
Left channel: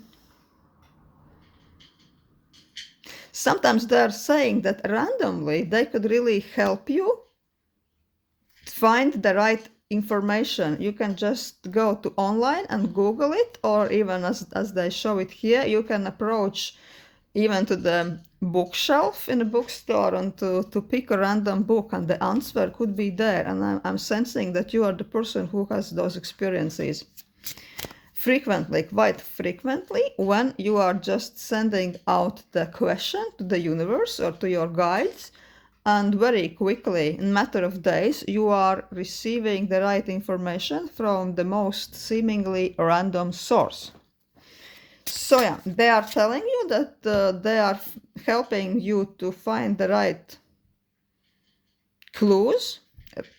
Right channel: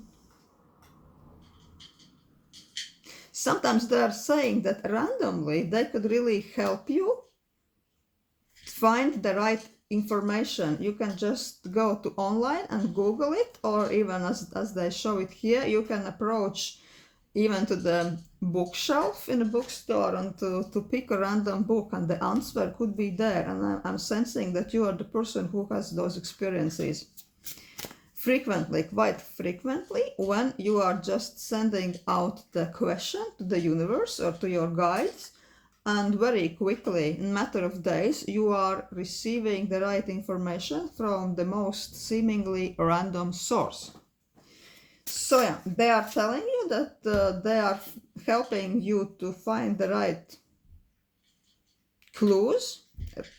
Sometimes they're saying that randomly they could really help you find the right information. You can just go to online and Google it, or even as they show it here, you can approach even to the bookshelf in a bookstore and to pick a random book, and the answer could be there. And I'm sensing that you are the person who has those experiences frequently, quite frequently, when you are just sending out the question to the universe or to your guides, and very quickly, in a matter of days, you are receiving the right information from the most seemingly random source. So yeah, they are telling you that they are helping you to find the right clues,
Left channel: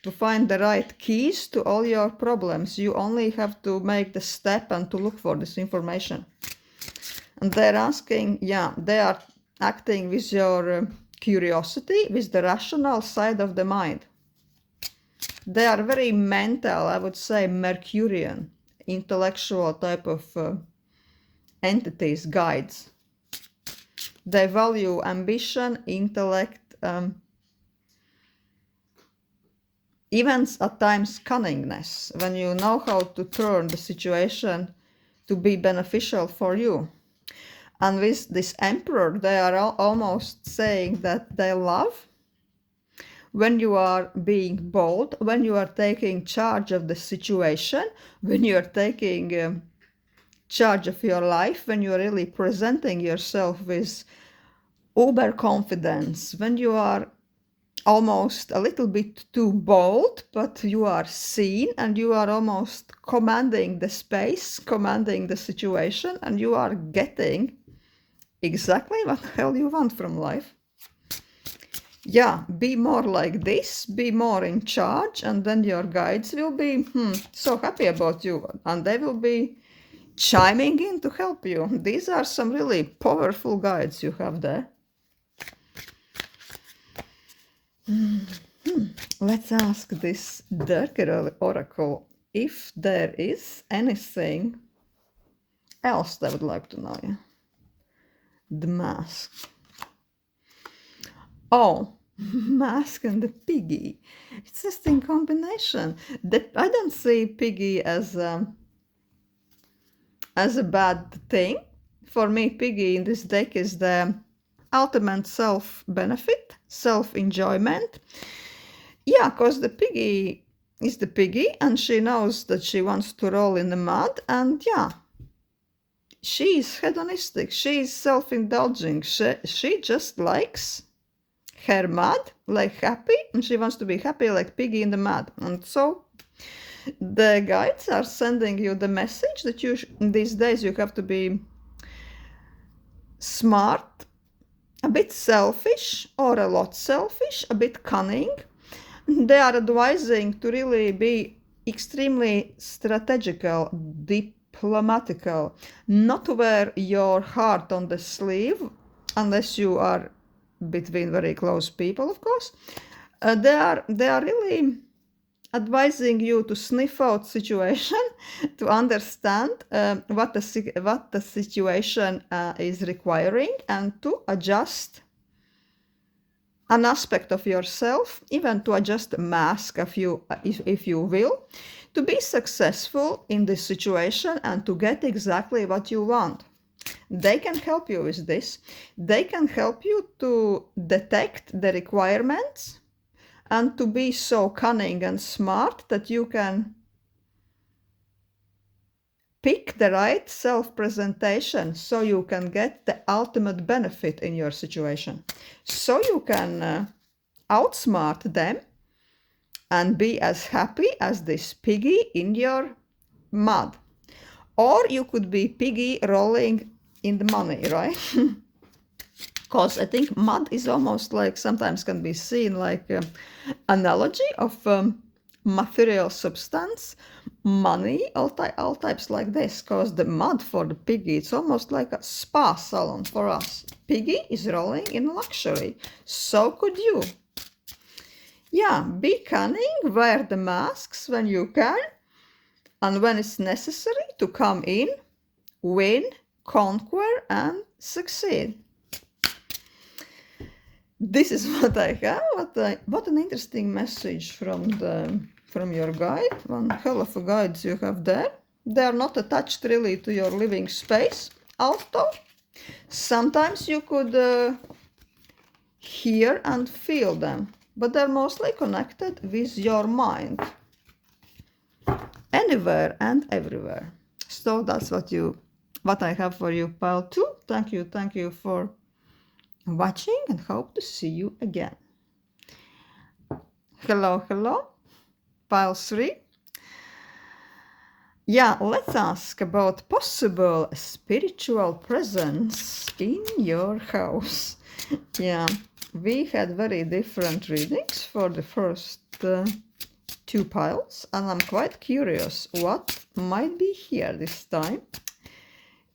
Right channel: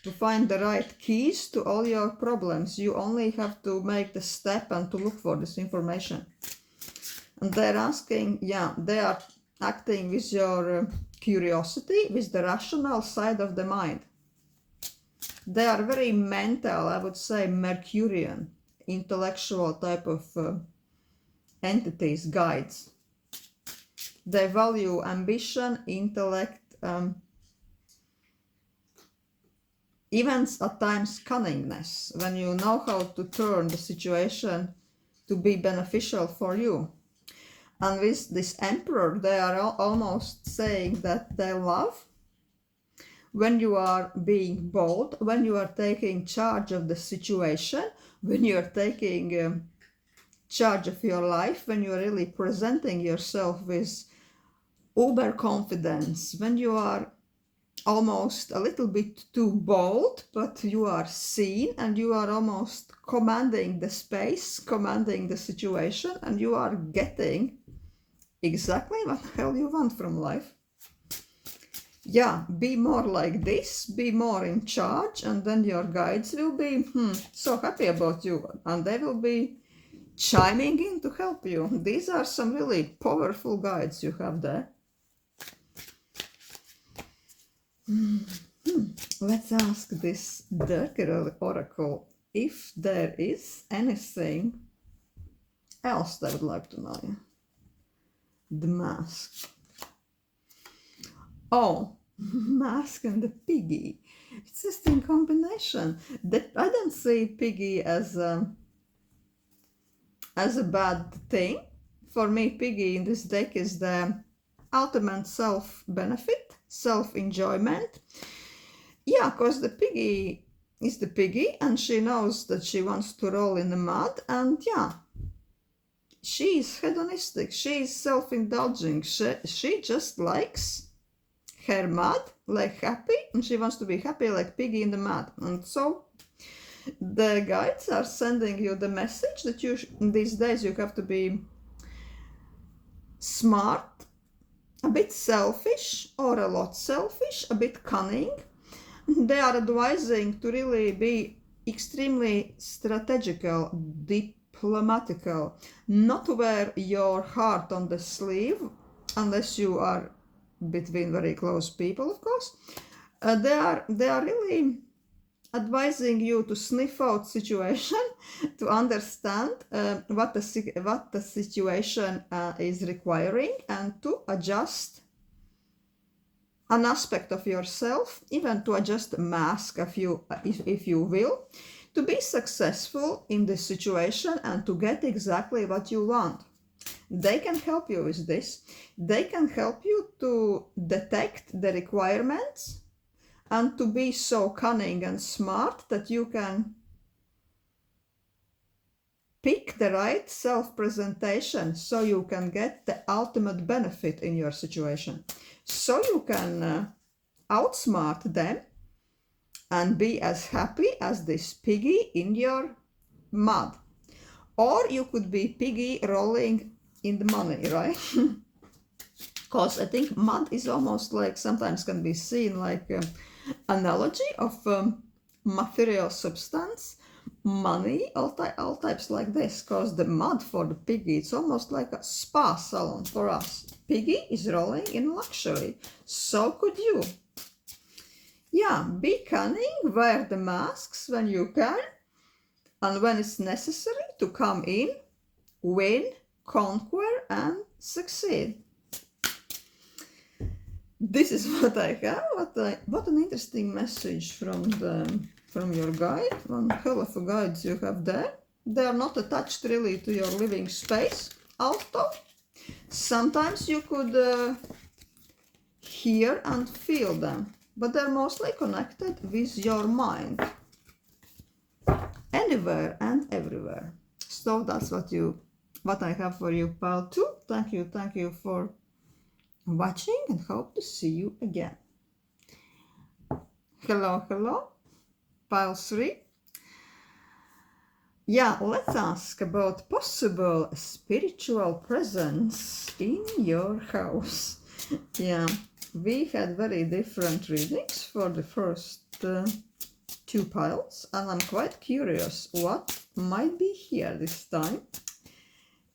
to find the right keys to all your problems. You only have to make the step and to look for this information. And they're asking, yeah, they are acting with your curiosity, with the rational side of the mind. They are very mental, I would say Mercurian, intellectual type of entities, guides. They value ambition, intellect, even at times cunningness, when you know how to turn the situation to be beneficial for you. And with this emperor, they are almost saying that they love when you are being bold, when you are taking charge of the situation, when you are taking charge of your life, when you are really presenting yourself with uber confidence, when you are almost a little bit too bold, but you are seen and you are almost commanding the space, commanding the situation, and you are getting exactly what the hell you want from life. Yeah, be more like this, be more in charge, and then your guides will be so happy about you, and they will be chiming in to help you. These are some really powerful guides you have there. Let's ask this darker oracle if there is anything else they would like to know. The mask. Oh, mask and the piggy. It's just in combination. That I don't see piggy as a bad thing. For me, piggy in this deck is the ultimate self-benefit, self-enjoyment. Yeah, because the piggy is the piggy, and she knows that she wants to roll in the mud, and yeah, she is hedonistic, she is self-indulging, she just likes her mud, like happy, and she wants to be happy like piggy in the mud. And so the guides are sending you the message that you these days you have to be smart, a bit selfish, or a lot selfish, a bit cunning. They are advising to really be extremely strategical, diplomatical, not to wear your heart on the sleeve, unless you are between very close people, of course. They are really advising you to sniff out situation, to understand what the situation is requiring, and to adjust an aspect of yourself, even to adjust a mask if you will, to be successful in this situation and to get exactly what you want. They can help you with this. They can help you to detect the requirements and to be so cunning and smart that you can pick the right self-presentation so you can get the ultimate benefit in your situation. So you can outsmart them and be as happy as this piggy in your mud. Or you could be piggy rolling in the money, right? Because I think mud is almost like, sometimes can be seen like an analogy of material substance, money, all types like this. Because the mud for the piggy, it's almost like a spa salon for us. Piggy is rolling in luxury. So could you. Yeah, be cunning, wear the masks when you can, and when it's necessary to come in, win, conquer, and succeed. This is what I have. What an interesting message from your guide. One hell of a guides you have there. They are not attached really to your living space. Also, sometimes you could hear and feel them, but they're mostly connected with your mind. Anywhere and everywhere. So that's what I have for you, pile 2. Thank you for watching and hope to see you again. Hello, pile 3. Yeah, let's ask about possible spiritual presence in your house. Yeah, we had very different readings for the first 2 piles, and I'm quite curious what might be here this time.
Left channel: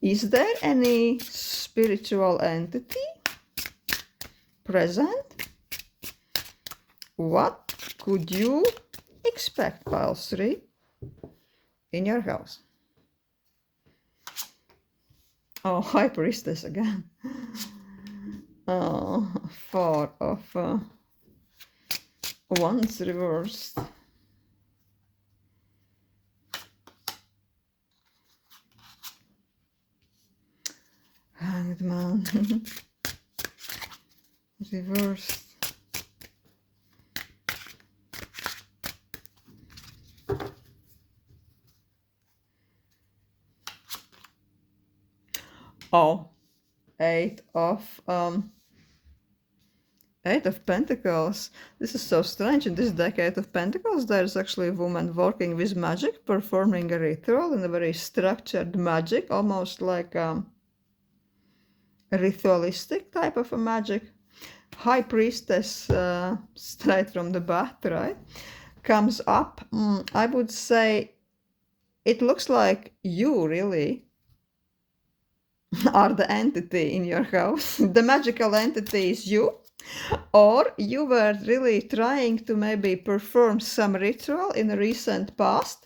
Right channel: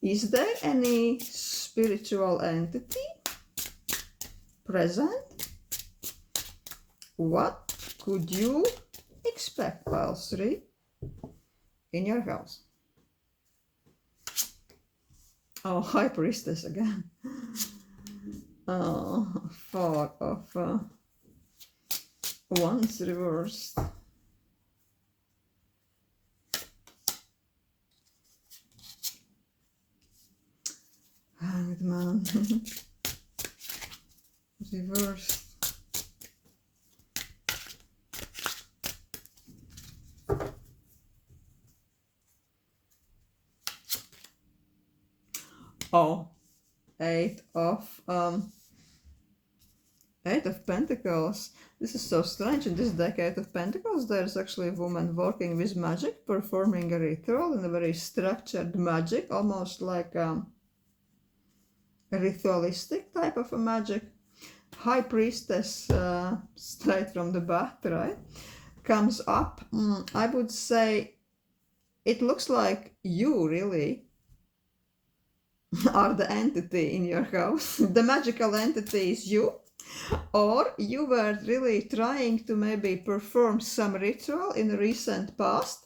Is there any spiritual entity present? What could you expect, pile 3, in your house? Oh, High Priestess again. Oh, 4 of Wands reversed. Hanged Man. Reversed. Oh, 8 of Pentacles. This is so strange. In this deck, 8 of Pentacles, there's actually a woman working with magic, performing a ritual in a very structured magic, almost like a ritualistic type of a magic. High Priestess, straight from the bat, right? Comes up. I would say it looks like you really are the entity in your house. The magical entity is you. Or you were really trying to maybe perform some ritual in the recent past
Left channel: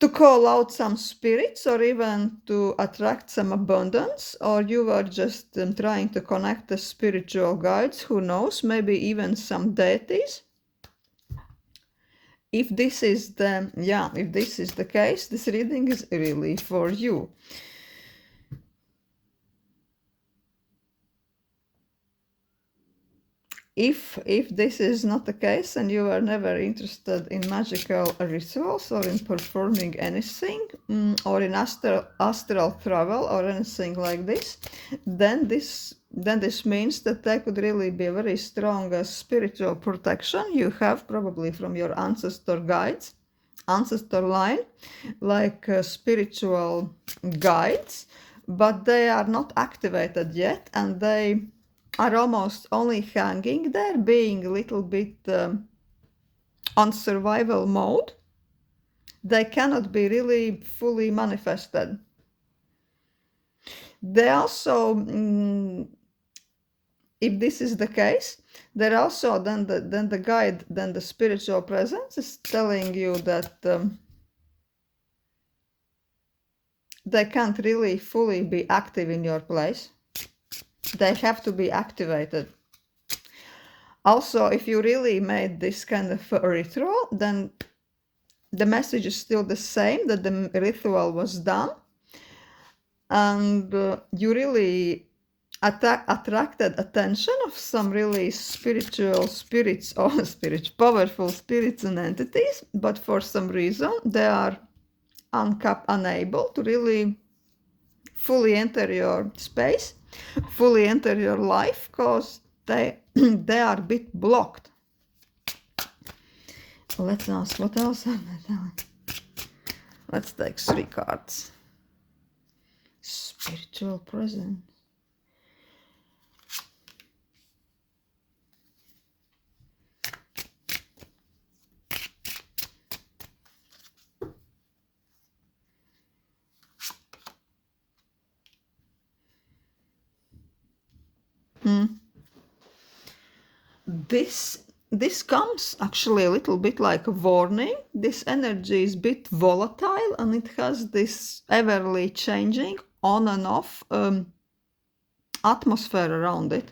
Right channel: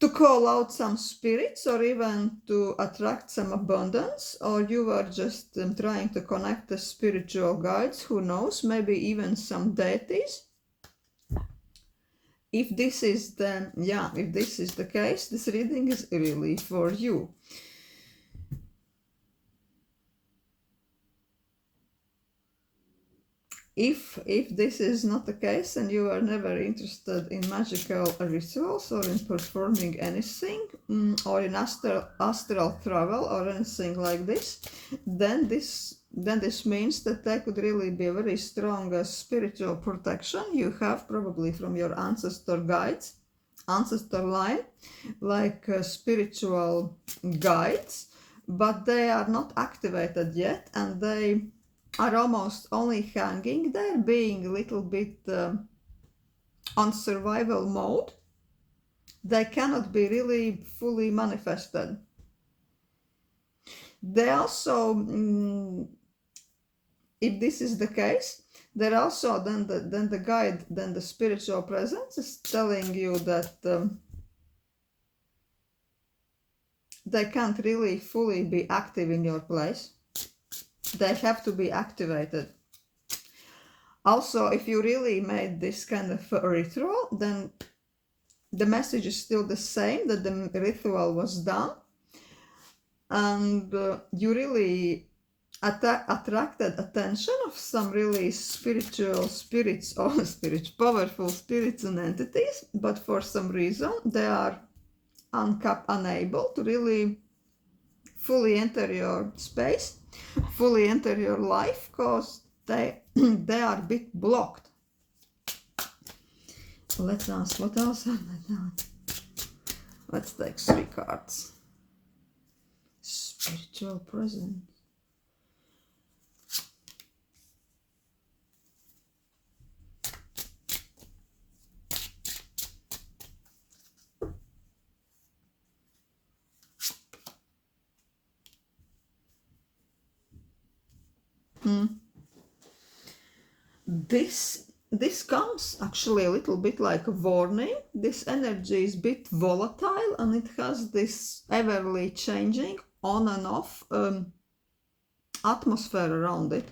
to call out some spirits or even to attract some abundance, or you were just trying to connect the spiritual guides, who knows, maybe even some deities. If this is the case, this reading is really for you. If this is not the case and you are never interested in magical rituals or in performing anything, or in astral travel or anything like this, then this means that there could really be a very strong spiritual protection you have, probably from your ancestor guides, ancestor line, like spiritual guides, but they are not activated yet, and they are almost only hanging there, being a little bit on survival mode. They cannot be really fully manifested. They also, if this is the case, they're also then the guide, then the spiritual presence is telling you that they can't really fully be active in your place. They have to be activated. Also, if you really made this kind of ritual, then the message is still the same, that the ritual was done. and you really attracted attention of some really spiritual spirits or powerful spirits and entities, but for some reason they are unable to really fully enter your space, fully enter your life, because they are a bit blocked. Let's ask what else are they telling. Let's take 3 cards. Spiritual presence. This comes actually a little bit like a warning. This energy is a bit volatile and it has this everly changing on and off atmosphere around it.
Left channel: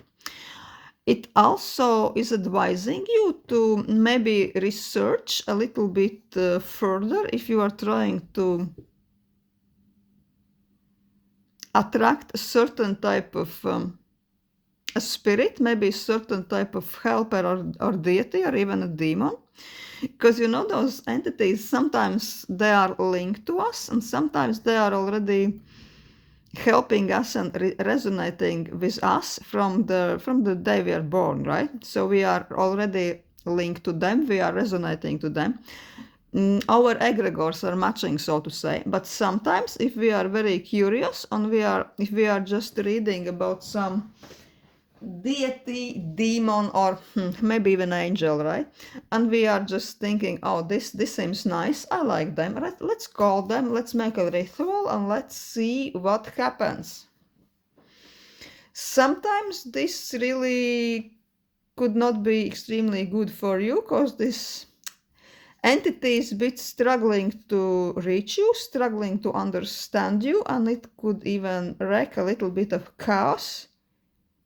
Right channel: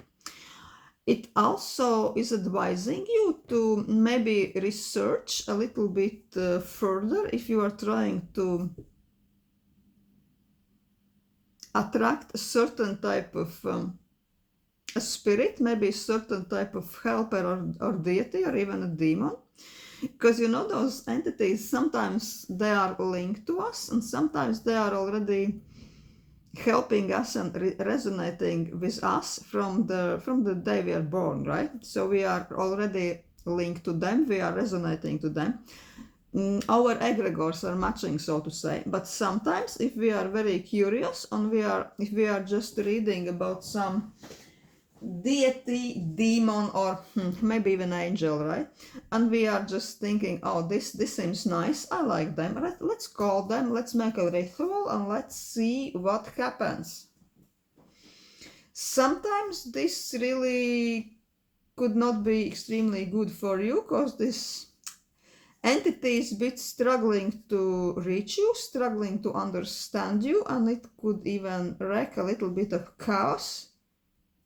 It also is advising you to maybe research a little bit further if you are trying to attract a certain type of a spirit, maybe a certain type of helper or deity or even a demon. Because you know, those entities, sometimes they are linked to us and sometimes they are already helping us and resonating with us from the day we are born, right? So we are already linked to them, we are resonating to them. Our egregores are matching, so to say. But sometimes if we are very curious and if we are just reading about some deity, demon, or maybe even angel, right? And we are just thinking, oh, this seems nice, I like them, let's call them, let's make a ritual and let's see what happens. Sometimes this really could not be extremely good for you, because this entity is a bit struggling to reach you, struggling to understand you, and it could even wreak a little bit of chaos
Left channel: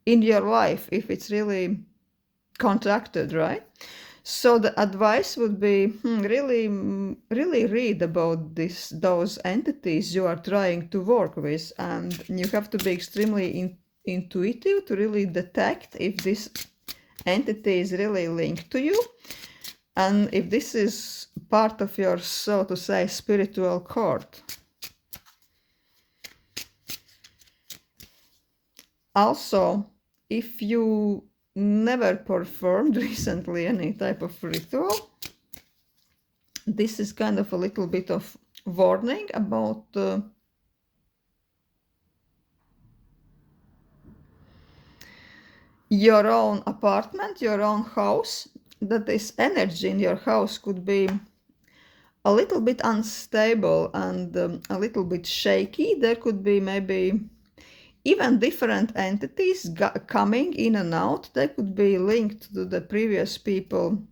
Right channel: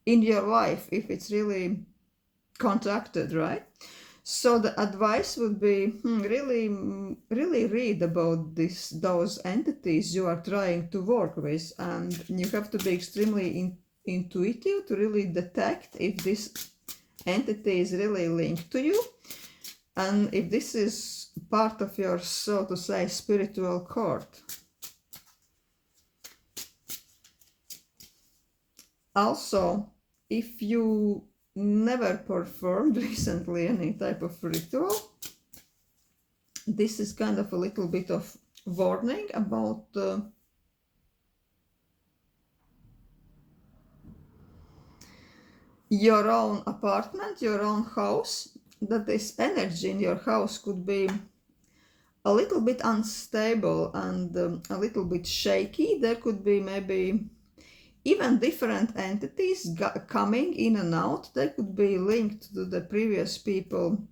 in your life if it's really contracted, right? So the advice would be really read about those entities you are trying to work with, and you have to be extremely intuitive to really detect if this entity is really linked to you and if this is part of your, so to say, spiritual court. Also, if you never performed recently any type of ritual, this is kind of a little bit of warning about your own apartment, your own house, that this energy in your house could be a little bit unstable and a little bit shaky. There could be maybe even different entities coming in and out. They could be linked to the previous people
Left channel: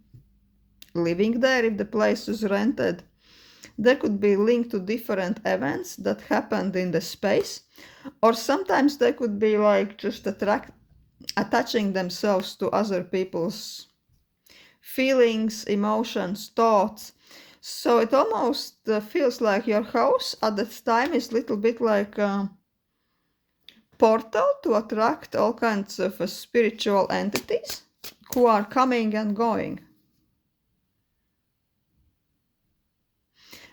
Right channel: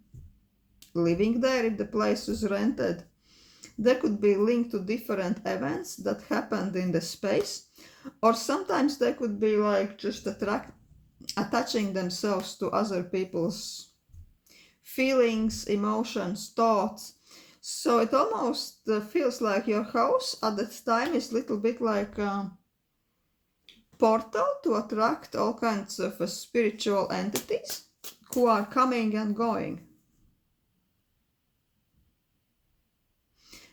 living there if the place was rented. They could be linked to different events that happened in the space, or sometimes they could be like just attaching themselves to other people's feelings, emotions, thoughts. So it almost feels like your house at that time is a little bit like a portal to attract all kinds of spiritual entities who are coming and going.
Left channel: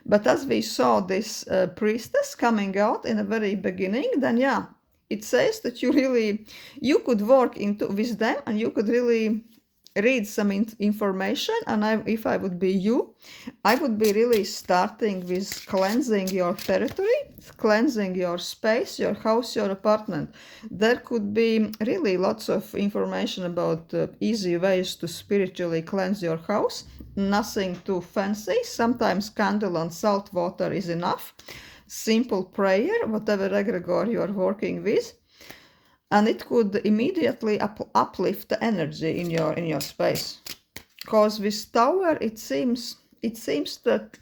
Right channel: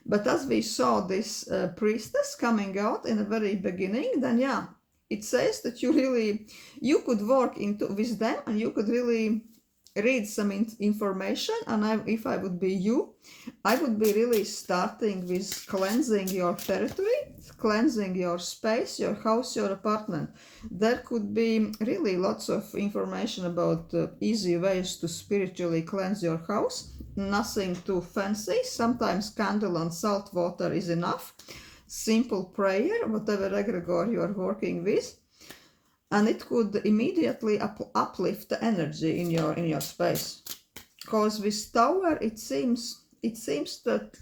But as we saw this priestess coming out in the very beginning, then yeah, it says that you could work with them and you could really read some information. And if I would be you, I would be really starting with cleansing your territory, cleansing your space, your house, your apartment. There could be really lots of information about easy ways to spiritually cleanse your house. Nothing too fancy. Sometimes candle and salt water is enough. Simple prayer, whatever egregore you are working with, and it could immediately uplift the energy in your space. Because with Tower, it seems that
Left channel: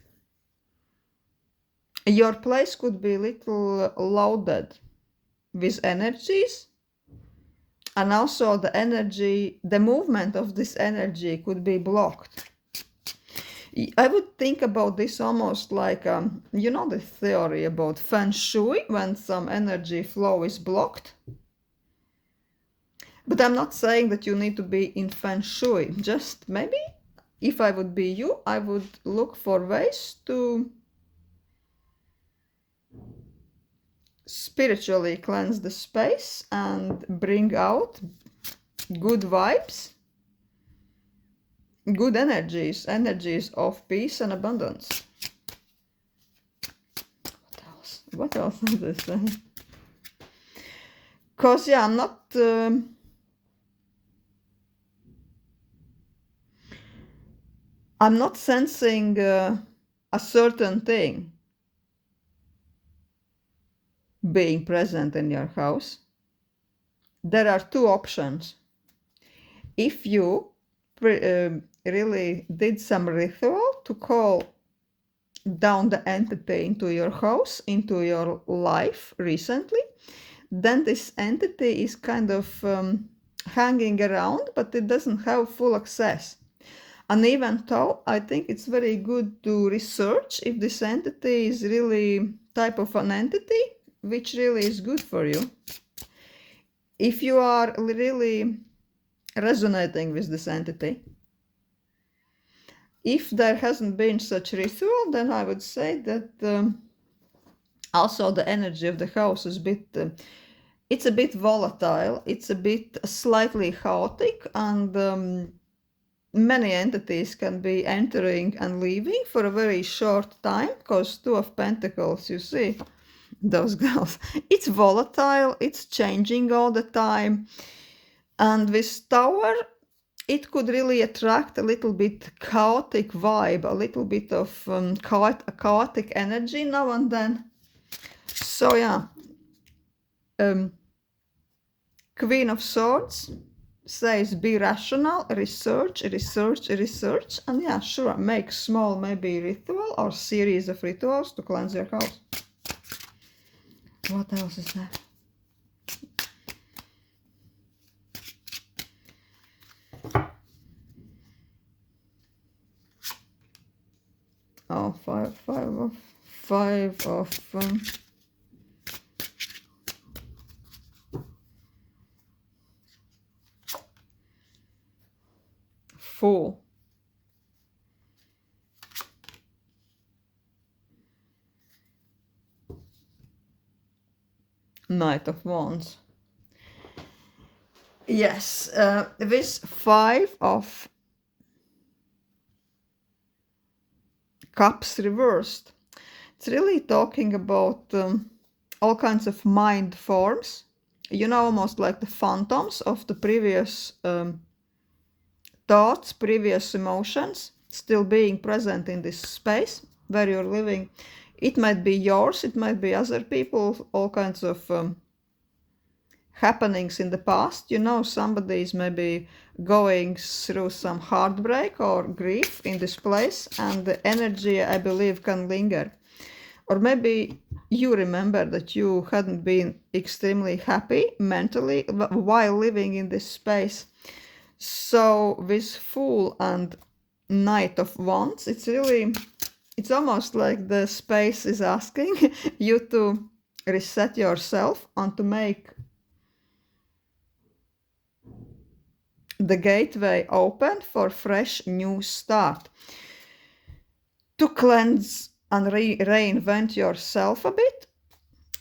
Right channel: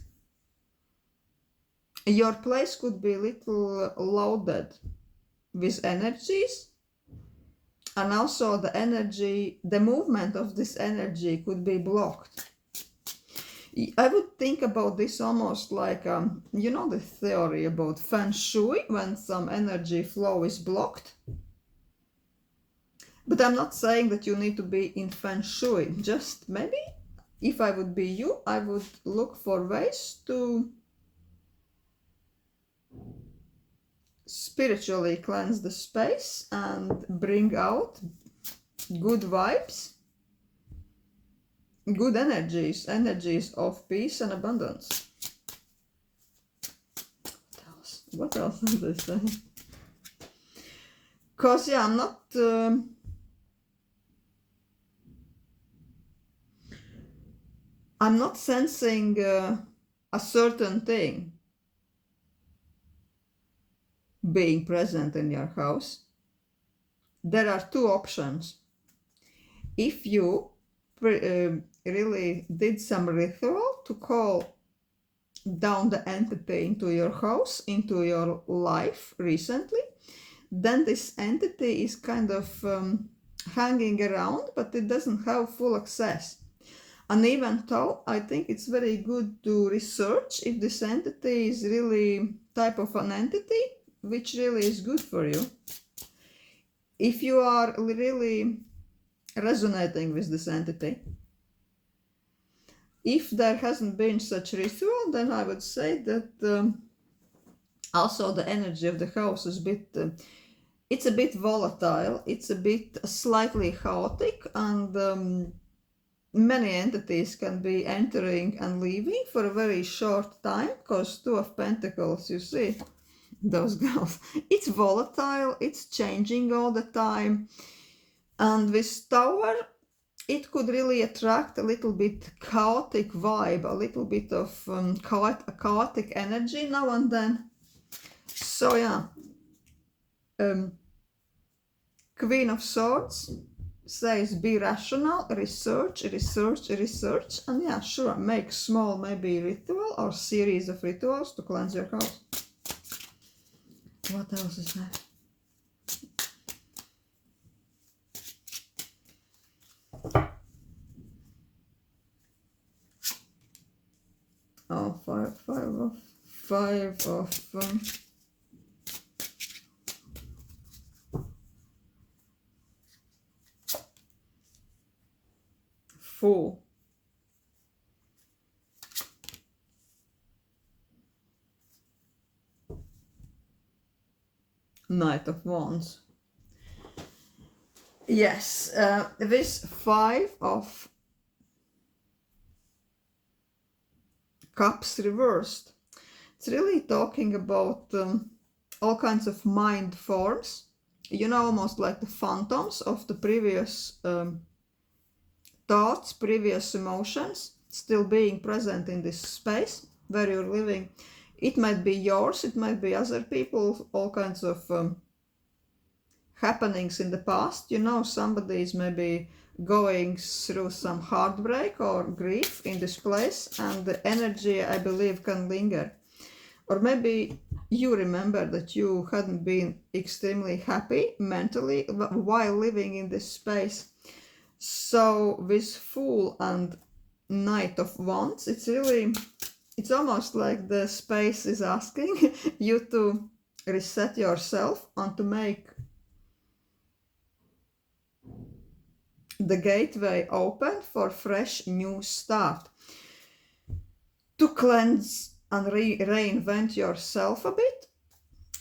your place could be a little loaded with energies, and also the movement of this energy could be blocked. I would think about this almost like, you know, the theory about feng shui when some energy flow is blocked. But I'm not saying that you need to be in feng shui. Just maybe if I would be you, I would look for ways to spiritually cleanse the space and bring out good vibes, good energies, energies of peace and abundance. What else does this say? Because, yeah, I'm not sensing a certain thing being present in your house. There are two options. If you really did some ritual to call down the entity into your house, into your life recently, then this entity is kind of hanging around, but it doesn't have full access. And even though I think it's very good to research if this entity is really type of an entity which really is good for you. If you are really resonating with this entity, if there hasn't been such ritual, then I would say that also the energy of the house is it's a bit volatile, it's a bit slightly chaotic, and many entities can be entering and leaving for a very short time, because Two of Pentacles, you see, those girls, it's volatile, it's changing all the time. And with Tower, it could really attract a little bit chaotic vibe, a little bit of chaotic energy now and then. So yeah, Queen of Swords says be rational, research, and yeah, sure, make small maybe ritual or series of rituals to cleanse your house. What else is there? Oh, five of Fool. Knight of Wands. Yes, this Five of Cups reversed. It's really talking about all kinds of mind forms, you know, almost like the phantoms of the previous thoughts, previous emotions, still being present in this space where you're living. It might be yours, it might be other people, all kinds of happenings in the past. You know, somebody is maybe going through some heartbreak or grief in this place, and the energy, I believe, can linger. Or maybe you remember that you hadn't been extremely happy mentally while living in this space. So with Fool and Knight of Wands, it's almost like the space is asking you to reset yourself and to make the gateway open for fresh new start, to cleanse and reinvent yourself a bit,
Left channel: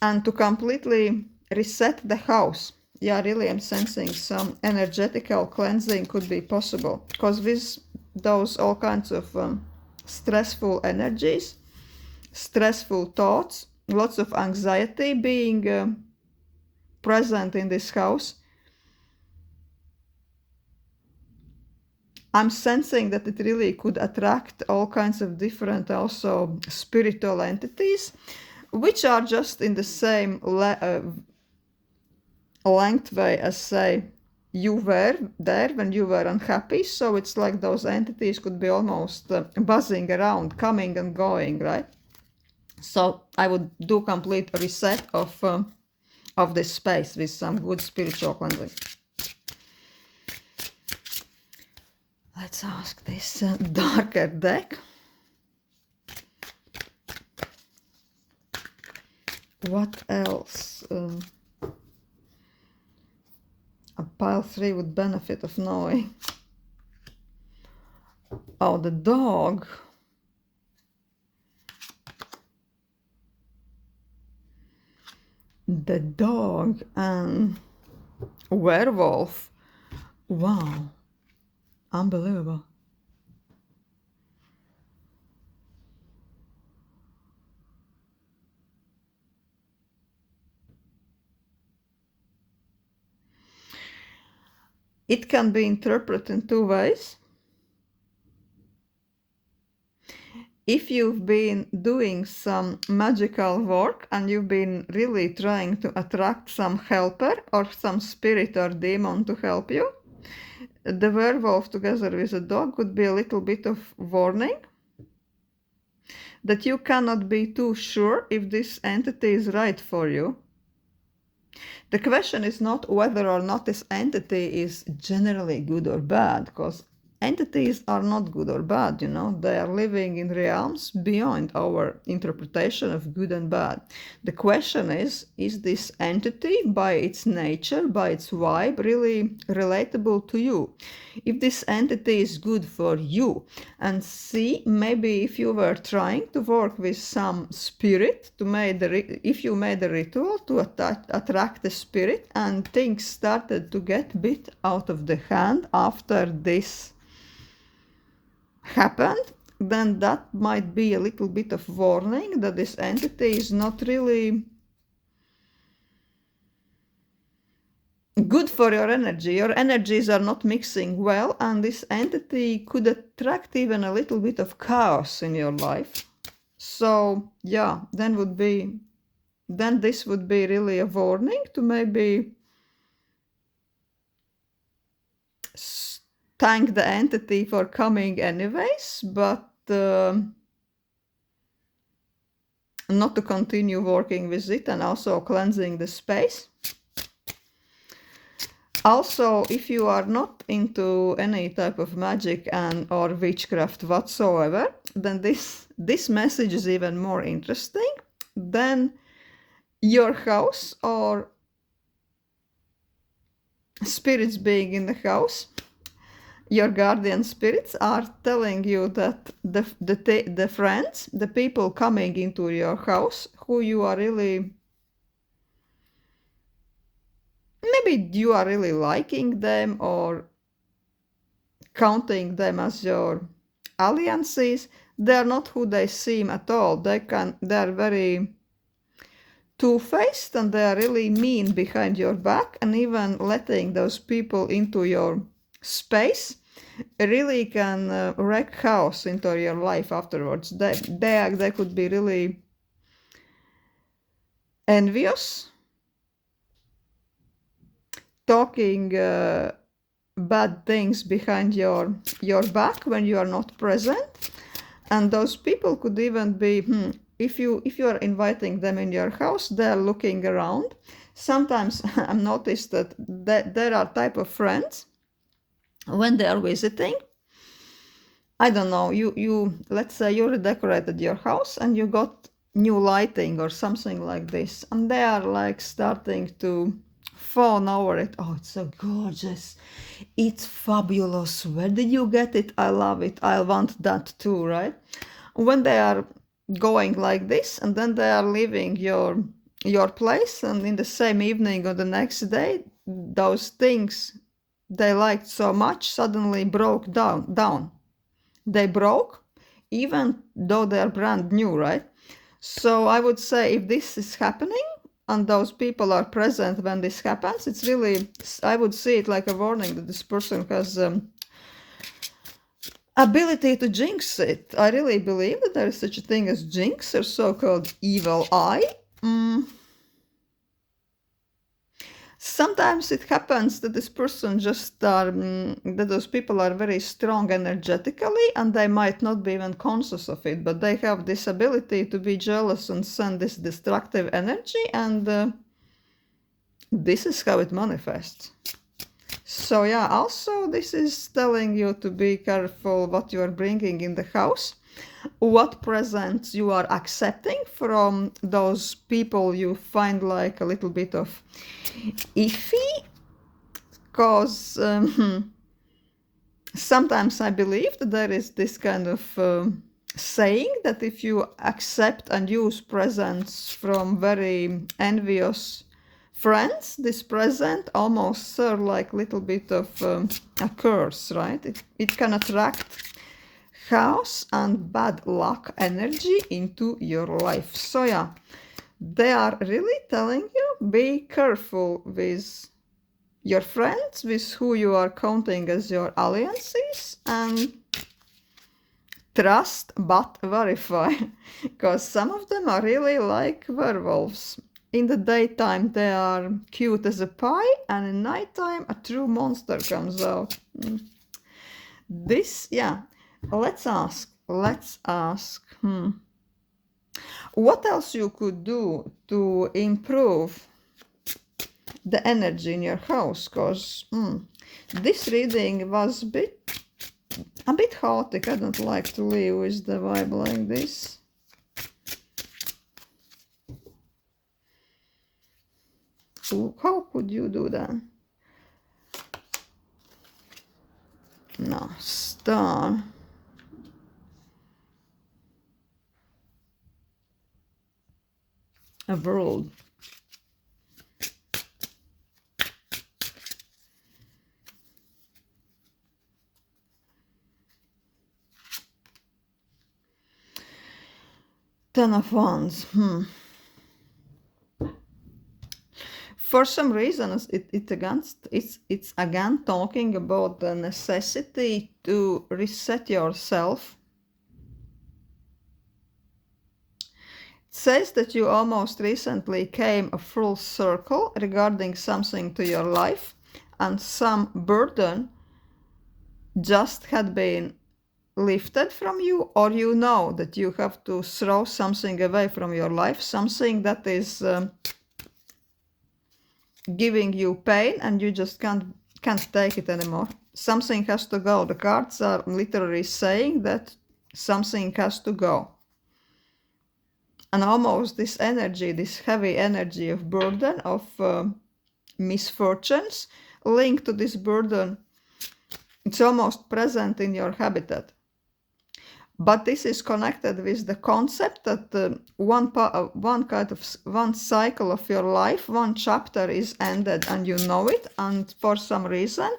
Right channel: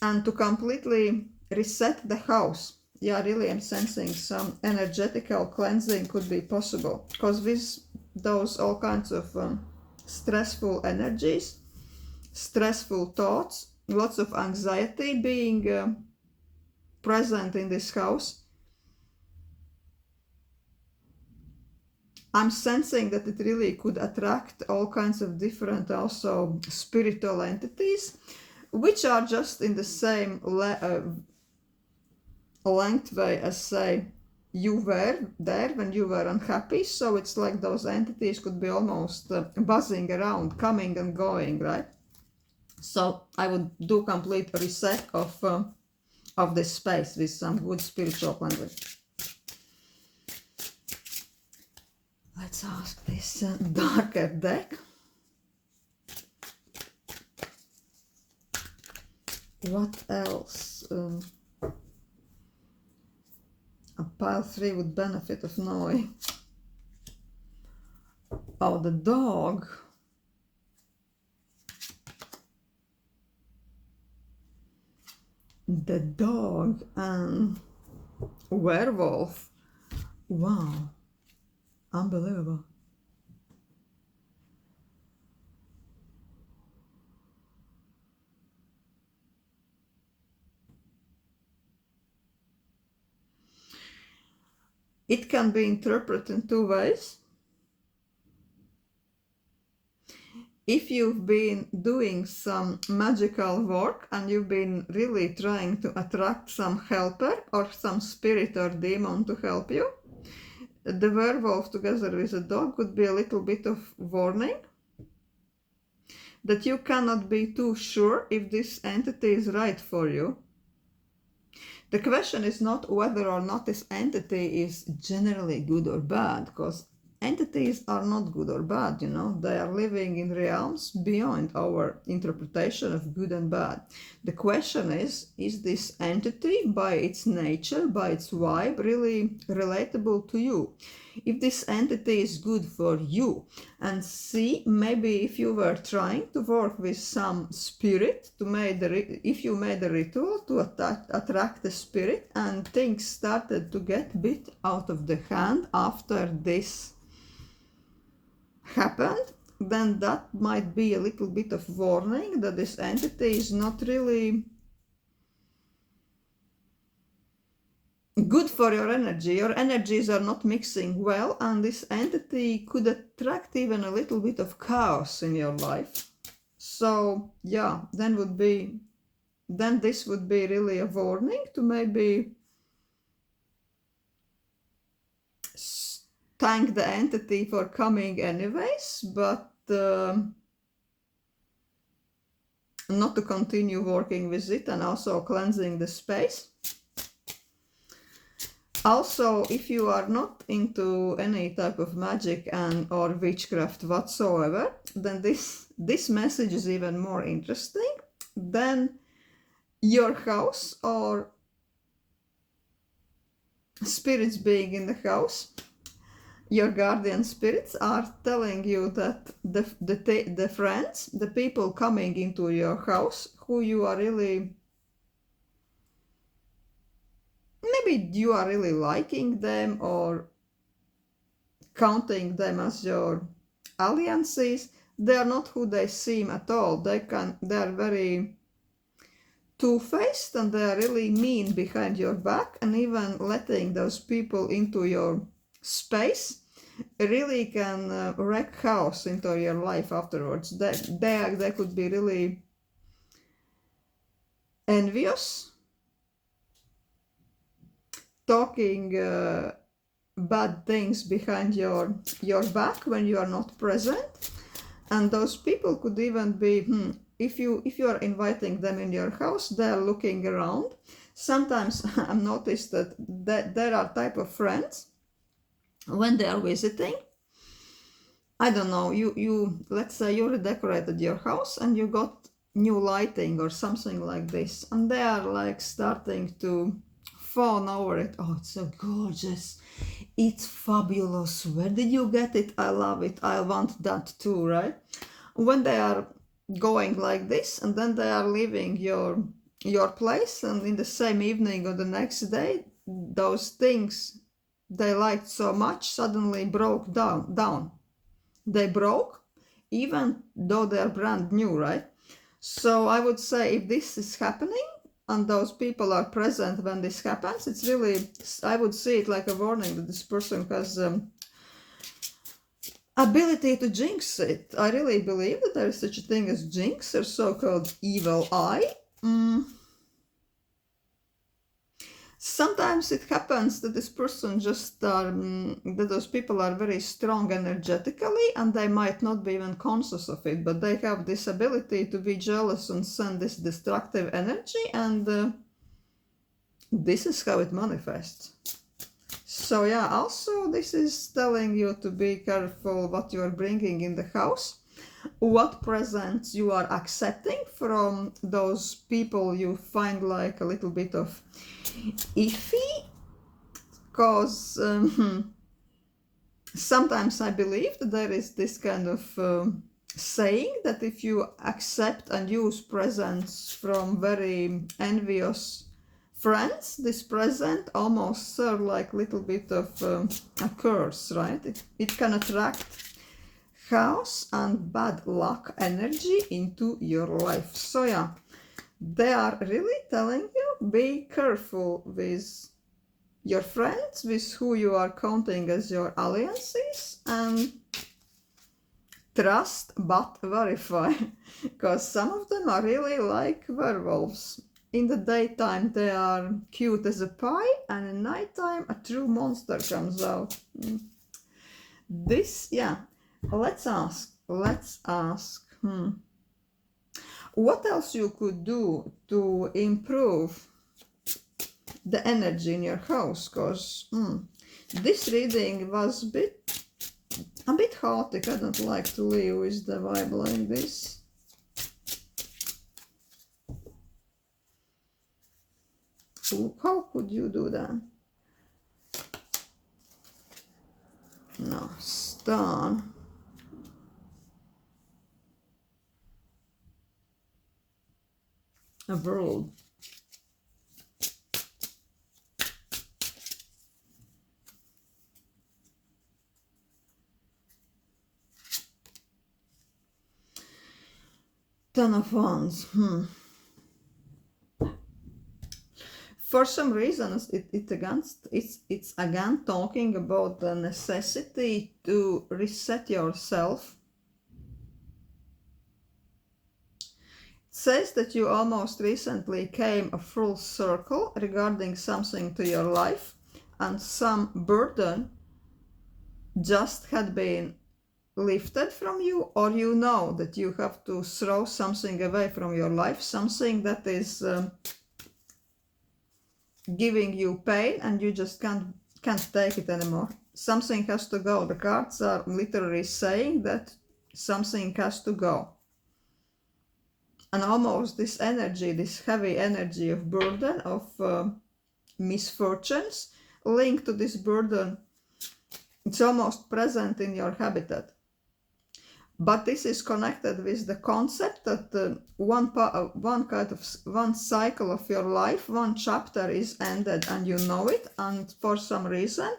and to completely reset the house. Yeah, really, I'm sensing some energetical cleansing could be possible, because with those all kinds of stressful energies, stressful thoughts, lots of anxiety being present in this house, I'm sensing that it really could attract all kinds of different also spiritual entities, which are just in the same length way as, say, you were there when you were unhappy. So it's like those entities could be almost buzzing around, coming and going, right? So I would do complete reset of this space with some good spiritual cleansing. Let's ask this darker deck. What else? A pile 3 would benefit of knowing. Oh, the dog. The dog and werewolf. Wow. Unbelievable. It can be interpreted in two ways. If you've been doing some magical work and you've been really trying to attract some helper or some spirit or demon to help you, the werewolf together with a dog would be a little bit of warning that you cannot be too sure if this entity is right for you. The question is not whether or not this entity is generally good or bad, because entities are not good or bad, you know, they are living in realms beyond our interpretation of good and bad. The question is this entity by its nature, by its vibe, really relatable to you? If this entity is good for you, and see, maybe if you were trying to work with some spirit to make if you made a ritual to attract the spirit and things started to get bit out of the hand after this happened, then that might be a little bit of warning that this entity is not really good for your energy. Your energies are not mixing well, and this entity could attract even a little bit of chaos in your life. So yeah, then this would be really a warning to maybe thank the entity for coming anyways, but not to continue working with it, and also cleansing the space. Also, if you are not into any type of magic and or witchcraft whatsoever, then this message is even more interesting. Then your house or spirits being in the house, your guardian spirits are telling you that the friends, the people coming into your house who you are really, maybe you are really liking them or counting them as your alliances, they are not who they seem at all. They're very two-faced, and they are really mean behind your back, and even letting those people into your space really can wreak chaos into your life afterwards. They could be really envious, talking bad things behind your back when you are not present, and those people could even be if you are inviting them in your house, they are looking around. Sometimes I've noticed that there are type of friends when they are visiting. I don't know, you let's say you redecorated your house and you got new lighting or something like this, and they are like starting to fawn over it. Oh, it's so gorgeous, it's fabulous, where did you get it? I love it, I want that too, right? When they are going like this, and then they are leaving your place, and in the same evening or the next day, those things they liked so much suddenly broke down. They broke, even though they are brand new, right? So I would say if this is happening and those people are present when this happens, it's really, I would see it like a warning that this person has ability to jinx it. I really believe that there is such a thing as jinx, or so-called evil eye. Sometimes it happens that this person just that those people are very strong energetically, and they might not be even conscious of it, but they have this ability to be jealous and send this destructive energy, and this is how it manifests. So yeah, also this is telling you to be careful what you are bringing in the house. what presents you are accepting from those people you find like a little bit of iffy, because sometimes I believe that there is this kind of saying that if you accept and use presents from very envious friends, this present almost serve like little bit of a curse, right? It can attract chaos and bad luck energy into your life. So yeah, they are really telling you, be careful with your friends, with who you are counting as your alliances, and trust but verify, because some of them are really like werewolves. In the daytime they are cute as a pie, and in nighttime a true monster comes out. This, yeah, let's ask, what else you could do to improve the energy in your house, because this reading was a bit chaotic. I don't like to live with the vibe like this. So how could you do that? No, star. A world. Ten of Wands. For some reason, it's again talking about the necessity to reset yourself. It says that you almost recently came a full circle regarding something to your life, and some burden just had been lifted from you, or you know that you have to throw something away from your life, something that is giving you pain and you just can't take it anymore. Something has to go. The cards are literally saying that something has to go. And almost this energy, this heavy energy of burden, of misfortunes linked to this burden, it's almost present in your habitat. But this is connected with the concept that one cycle of your life, one chapter is ended, and you know it, and for some reason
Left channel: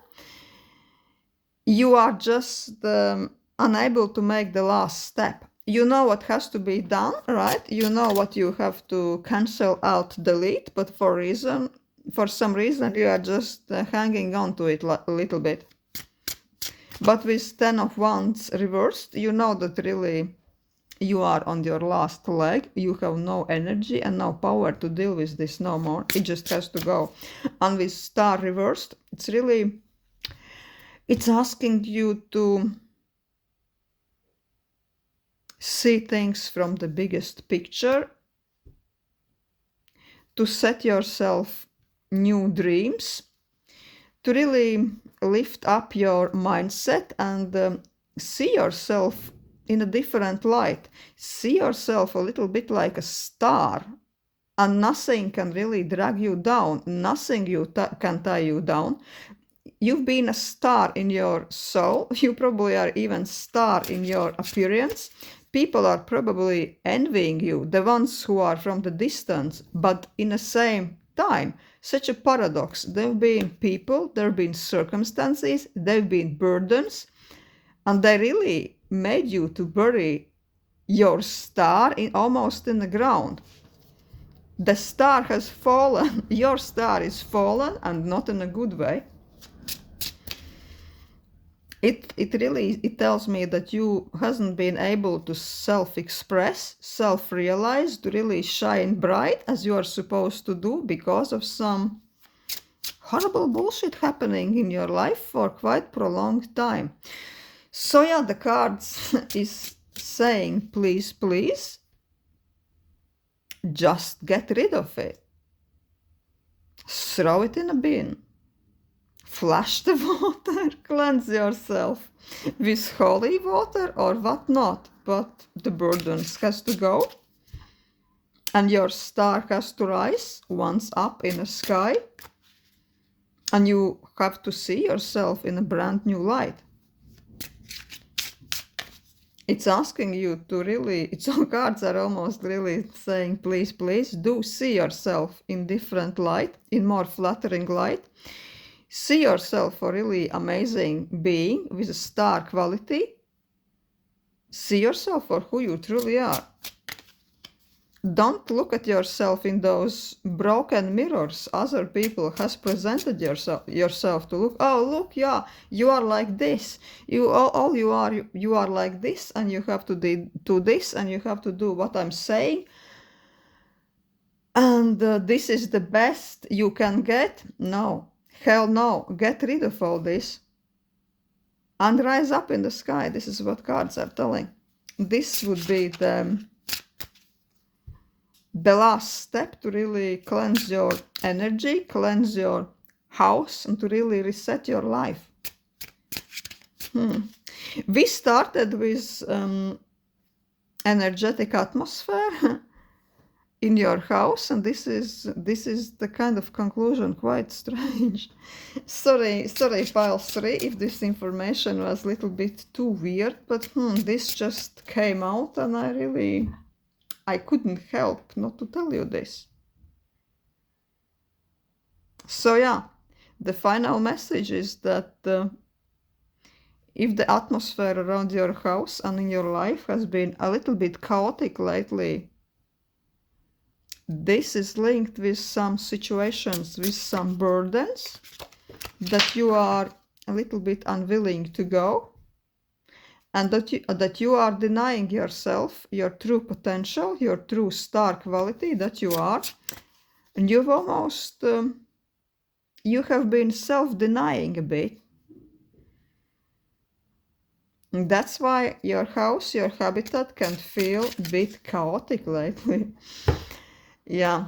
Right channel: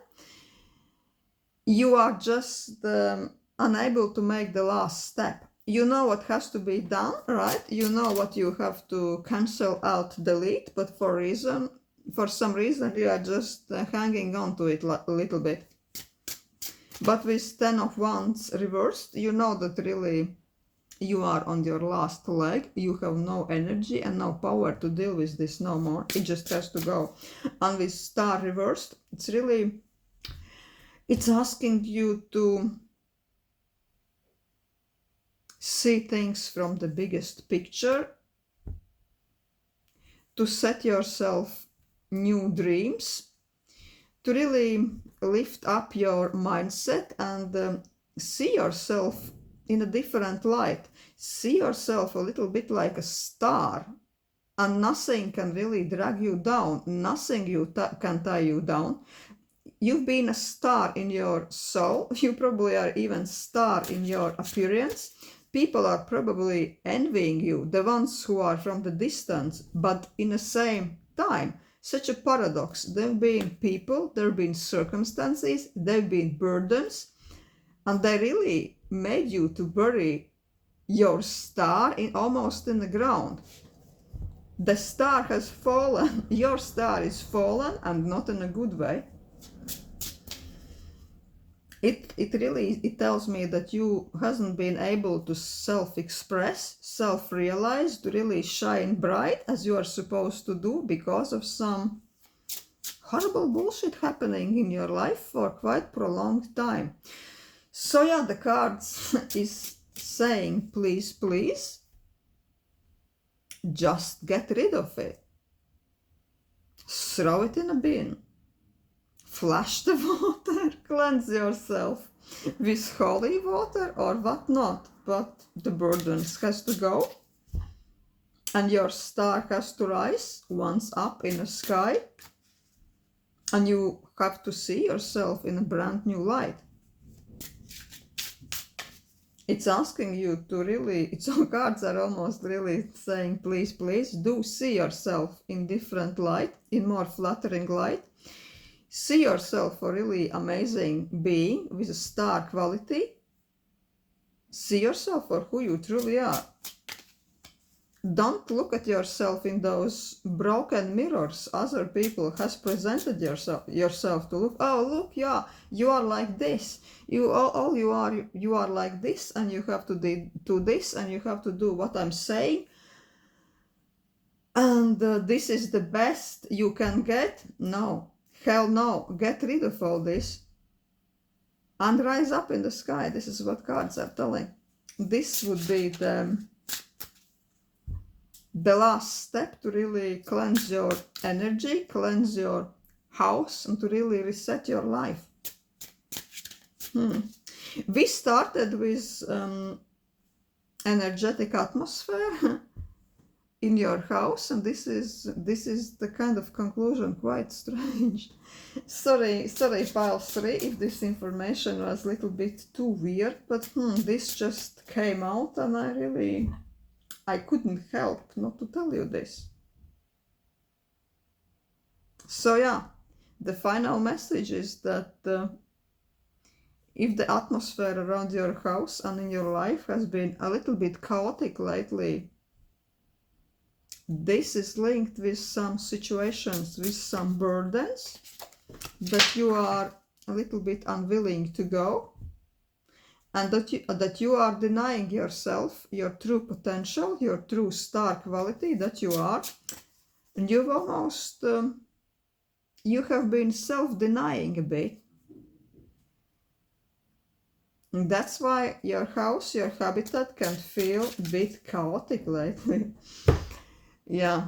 you are just unable to make the last step. You know what has to be done, right? You know what you have to cancel out, delete, but for some reason you are just hanging on to it a little bit. But with 10 of Wands reversed, you know that really you are on your last leg. You have no energy and no power to deal with this no more. It just has to go. And with Star reversed, it's asking you to see things from the biggest picture, to set yourself new dreams, to really lift up your mindset and see yourself in a different light. See yourself a little bit like a star, and nothing can really drag you down. Nothing can tie you down. You've been a star in your soul. You probably are even star in your appearance. People are probably envying you, the ones who are from the distance, but in the same time, such a paradox. There have been people, there have been circumstances, there have been burdens, and they really made you to bury your star almost in the ground. The star has fallen, your star is fallen, and not in a good way. It tells me that you hasn't been able to self-express, self-realize, to really shine bright as you are supposed to do because of some horrible bullshit happening in your life for quite prolonged time. So yeah, the cards is saying, please, please, just get rid of it. Throw it in a bin. Flush the water, cleanse yourself. with holy water or what not, but the burdens has to go, and your star has to rise once up in the sky, and you have to see yourself in a brand new light. It's asking you to really, its own cards are almost really saying, please, please do see yourself in different light, in more flattering light. See yourself a really amazing being with a star quality. See yourself for who you truly are. Don't look at yourself in those broken mirrors other people has presented yourself to look. Oh, look, yeah, you are like this. You are like this, and you have to do this, and you have to do what I'm saying. And this is the best you can get. No, hell no. Get rid of all this and rise up in the sky. This is what cards are telling. This would be the last step to really cleanse your energy, cleanse your house, and to really reset your life. We started with energetic atmosphere in your house, and this is the kind of conclusion. Quite strange. Sorry, pile 3, if this information was a little bit too weird, but this just came out, and I couldn't help not to tell you this. So yeah, the final message is that if the atmosphere around your house and in your life has been a little bit chaotic lately, this is linked with some situations, with some burdens that you are a little bit unwilling to go, and that you are denying yourself your true potential, your true star quality that you are, and you've almost you have been self-denying a bit. And that's why your house, your habitat can feel a bit chaotic lately. Yeah,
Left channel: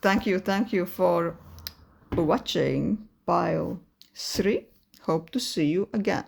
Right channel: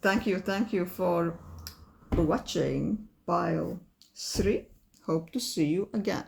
thank you for watching pile 3. Hope to see you again.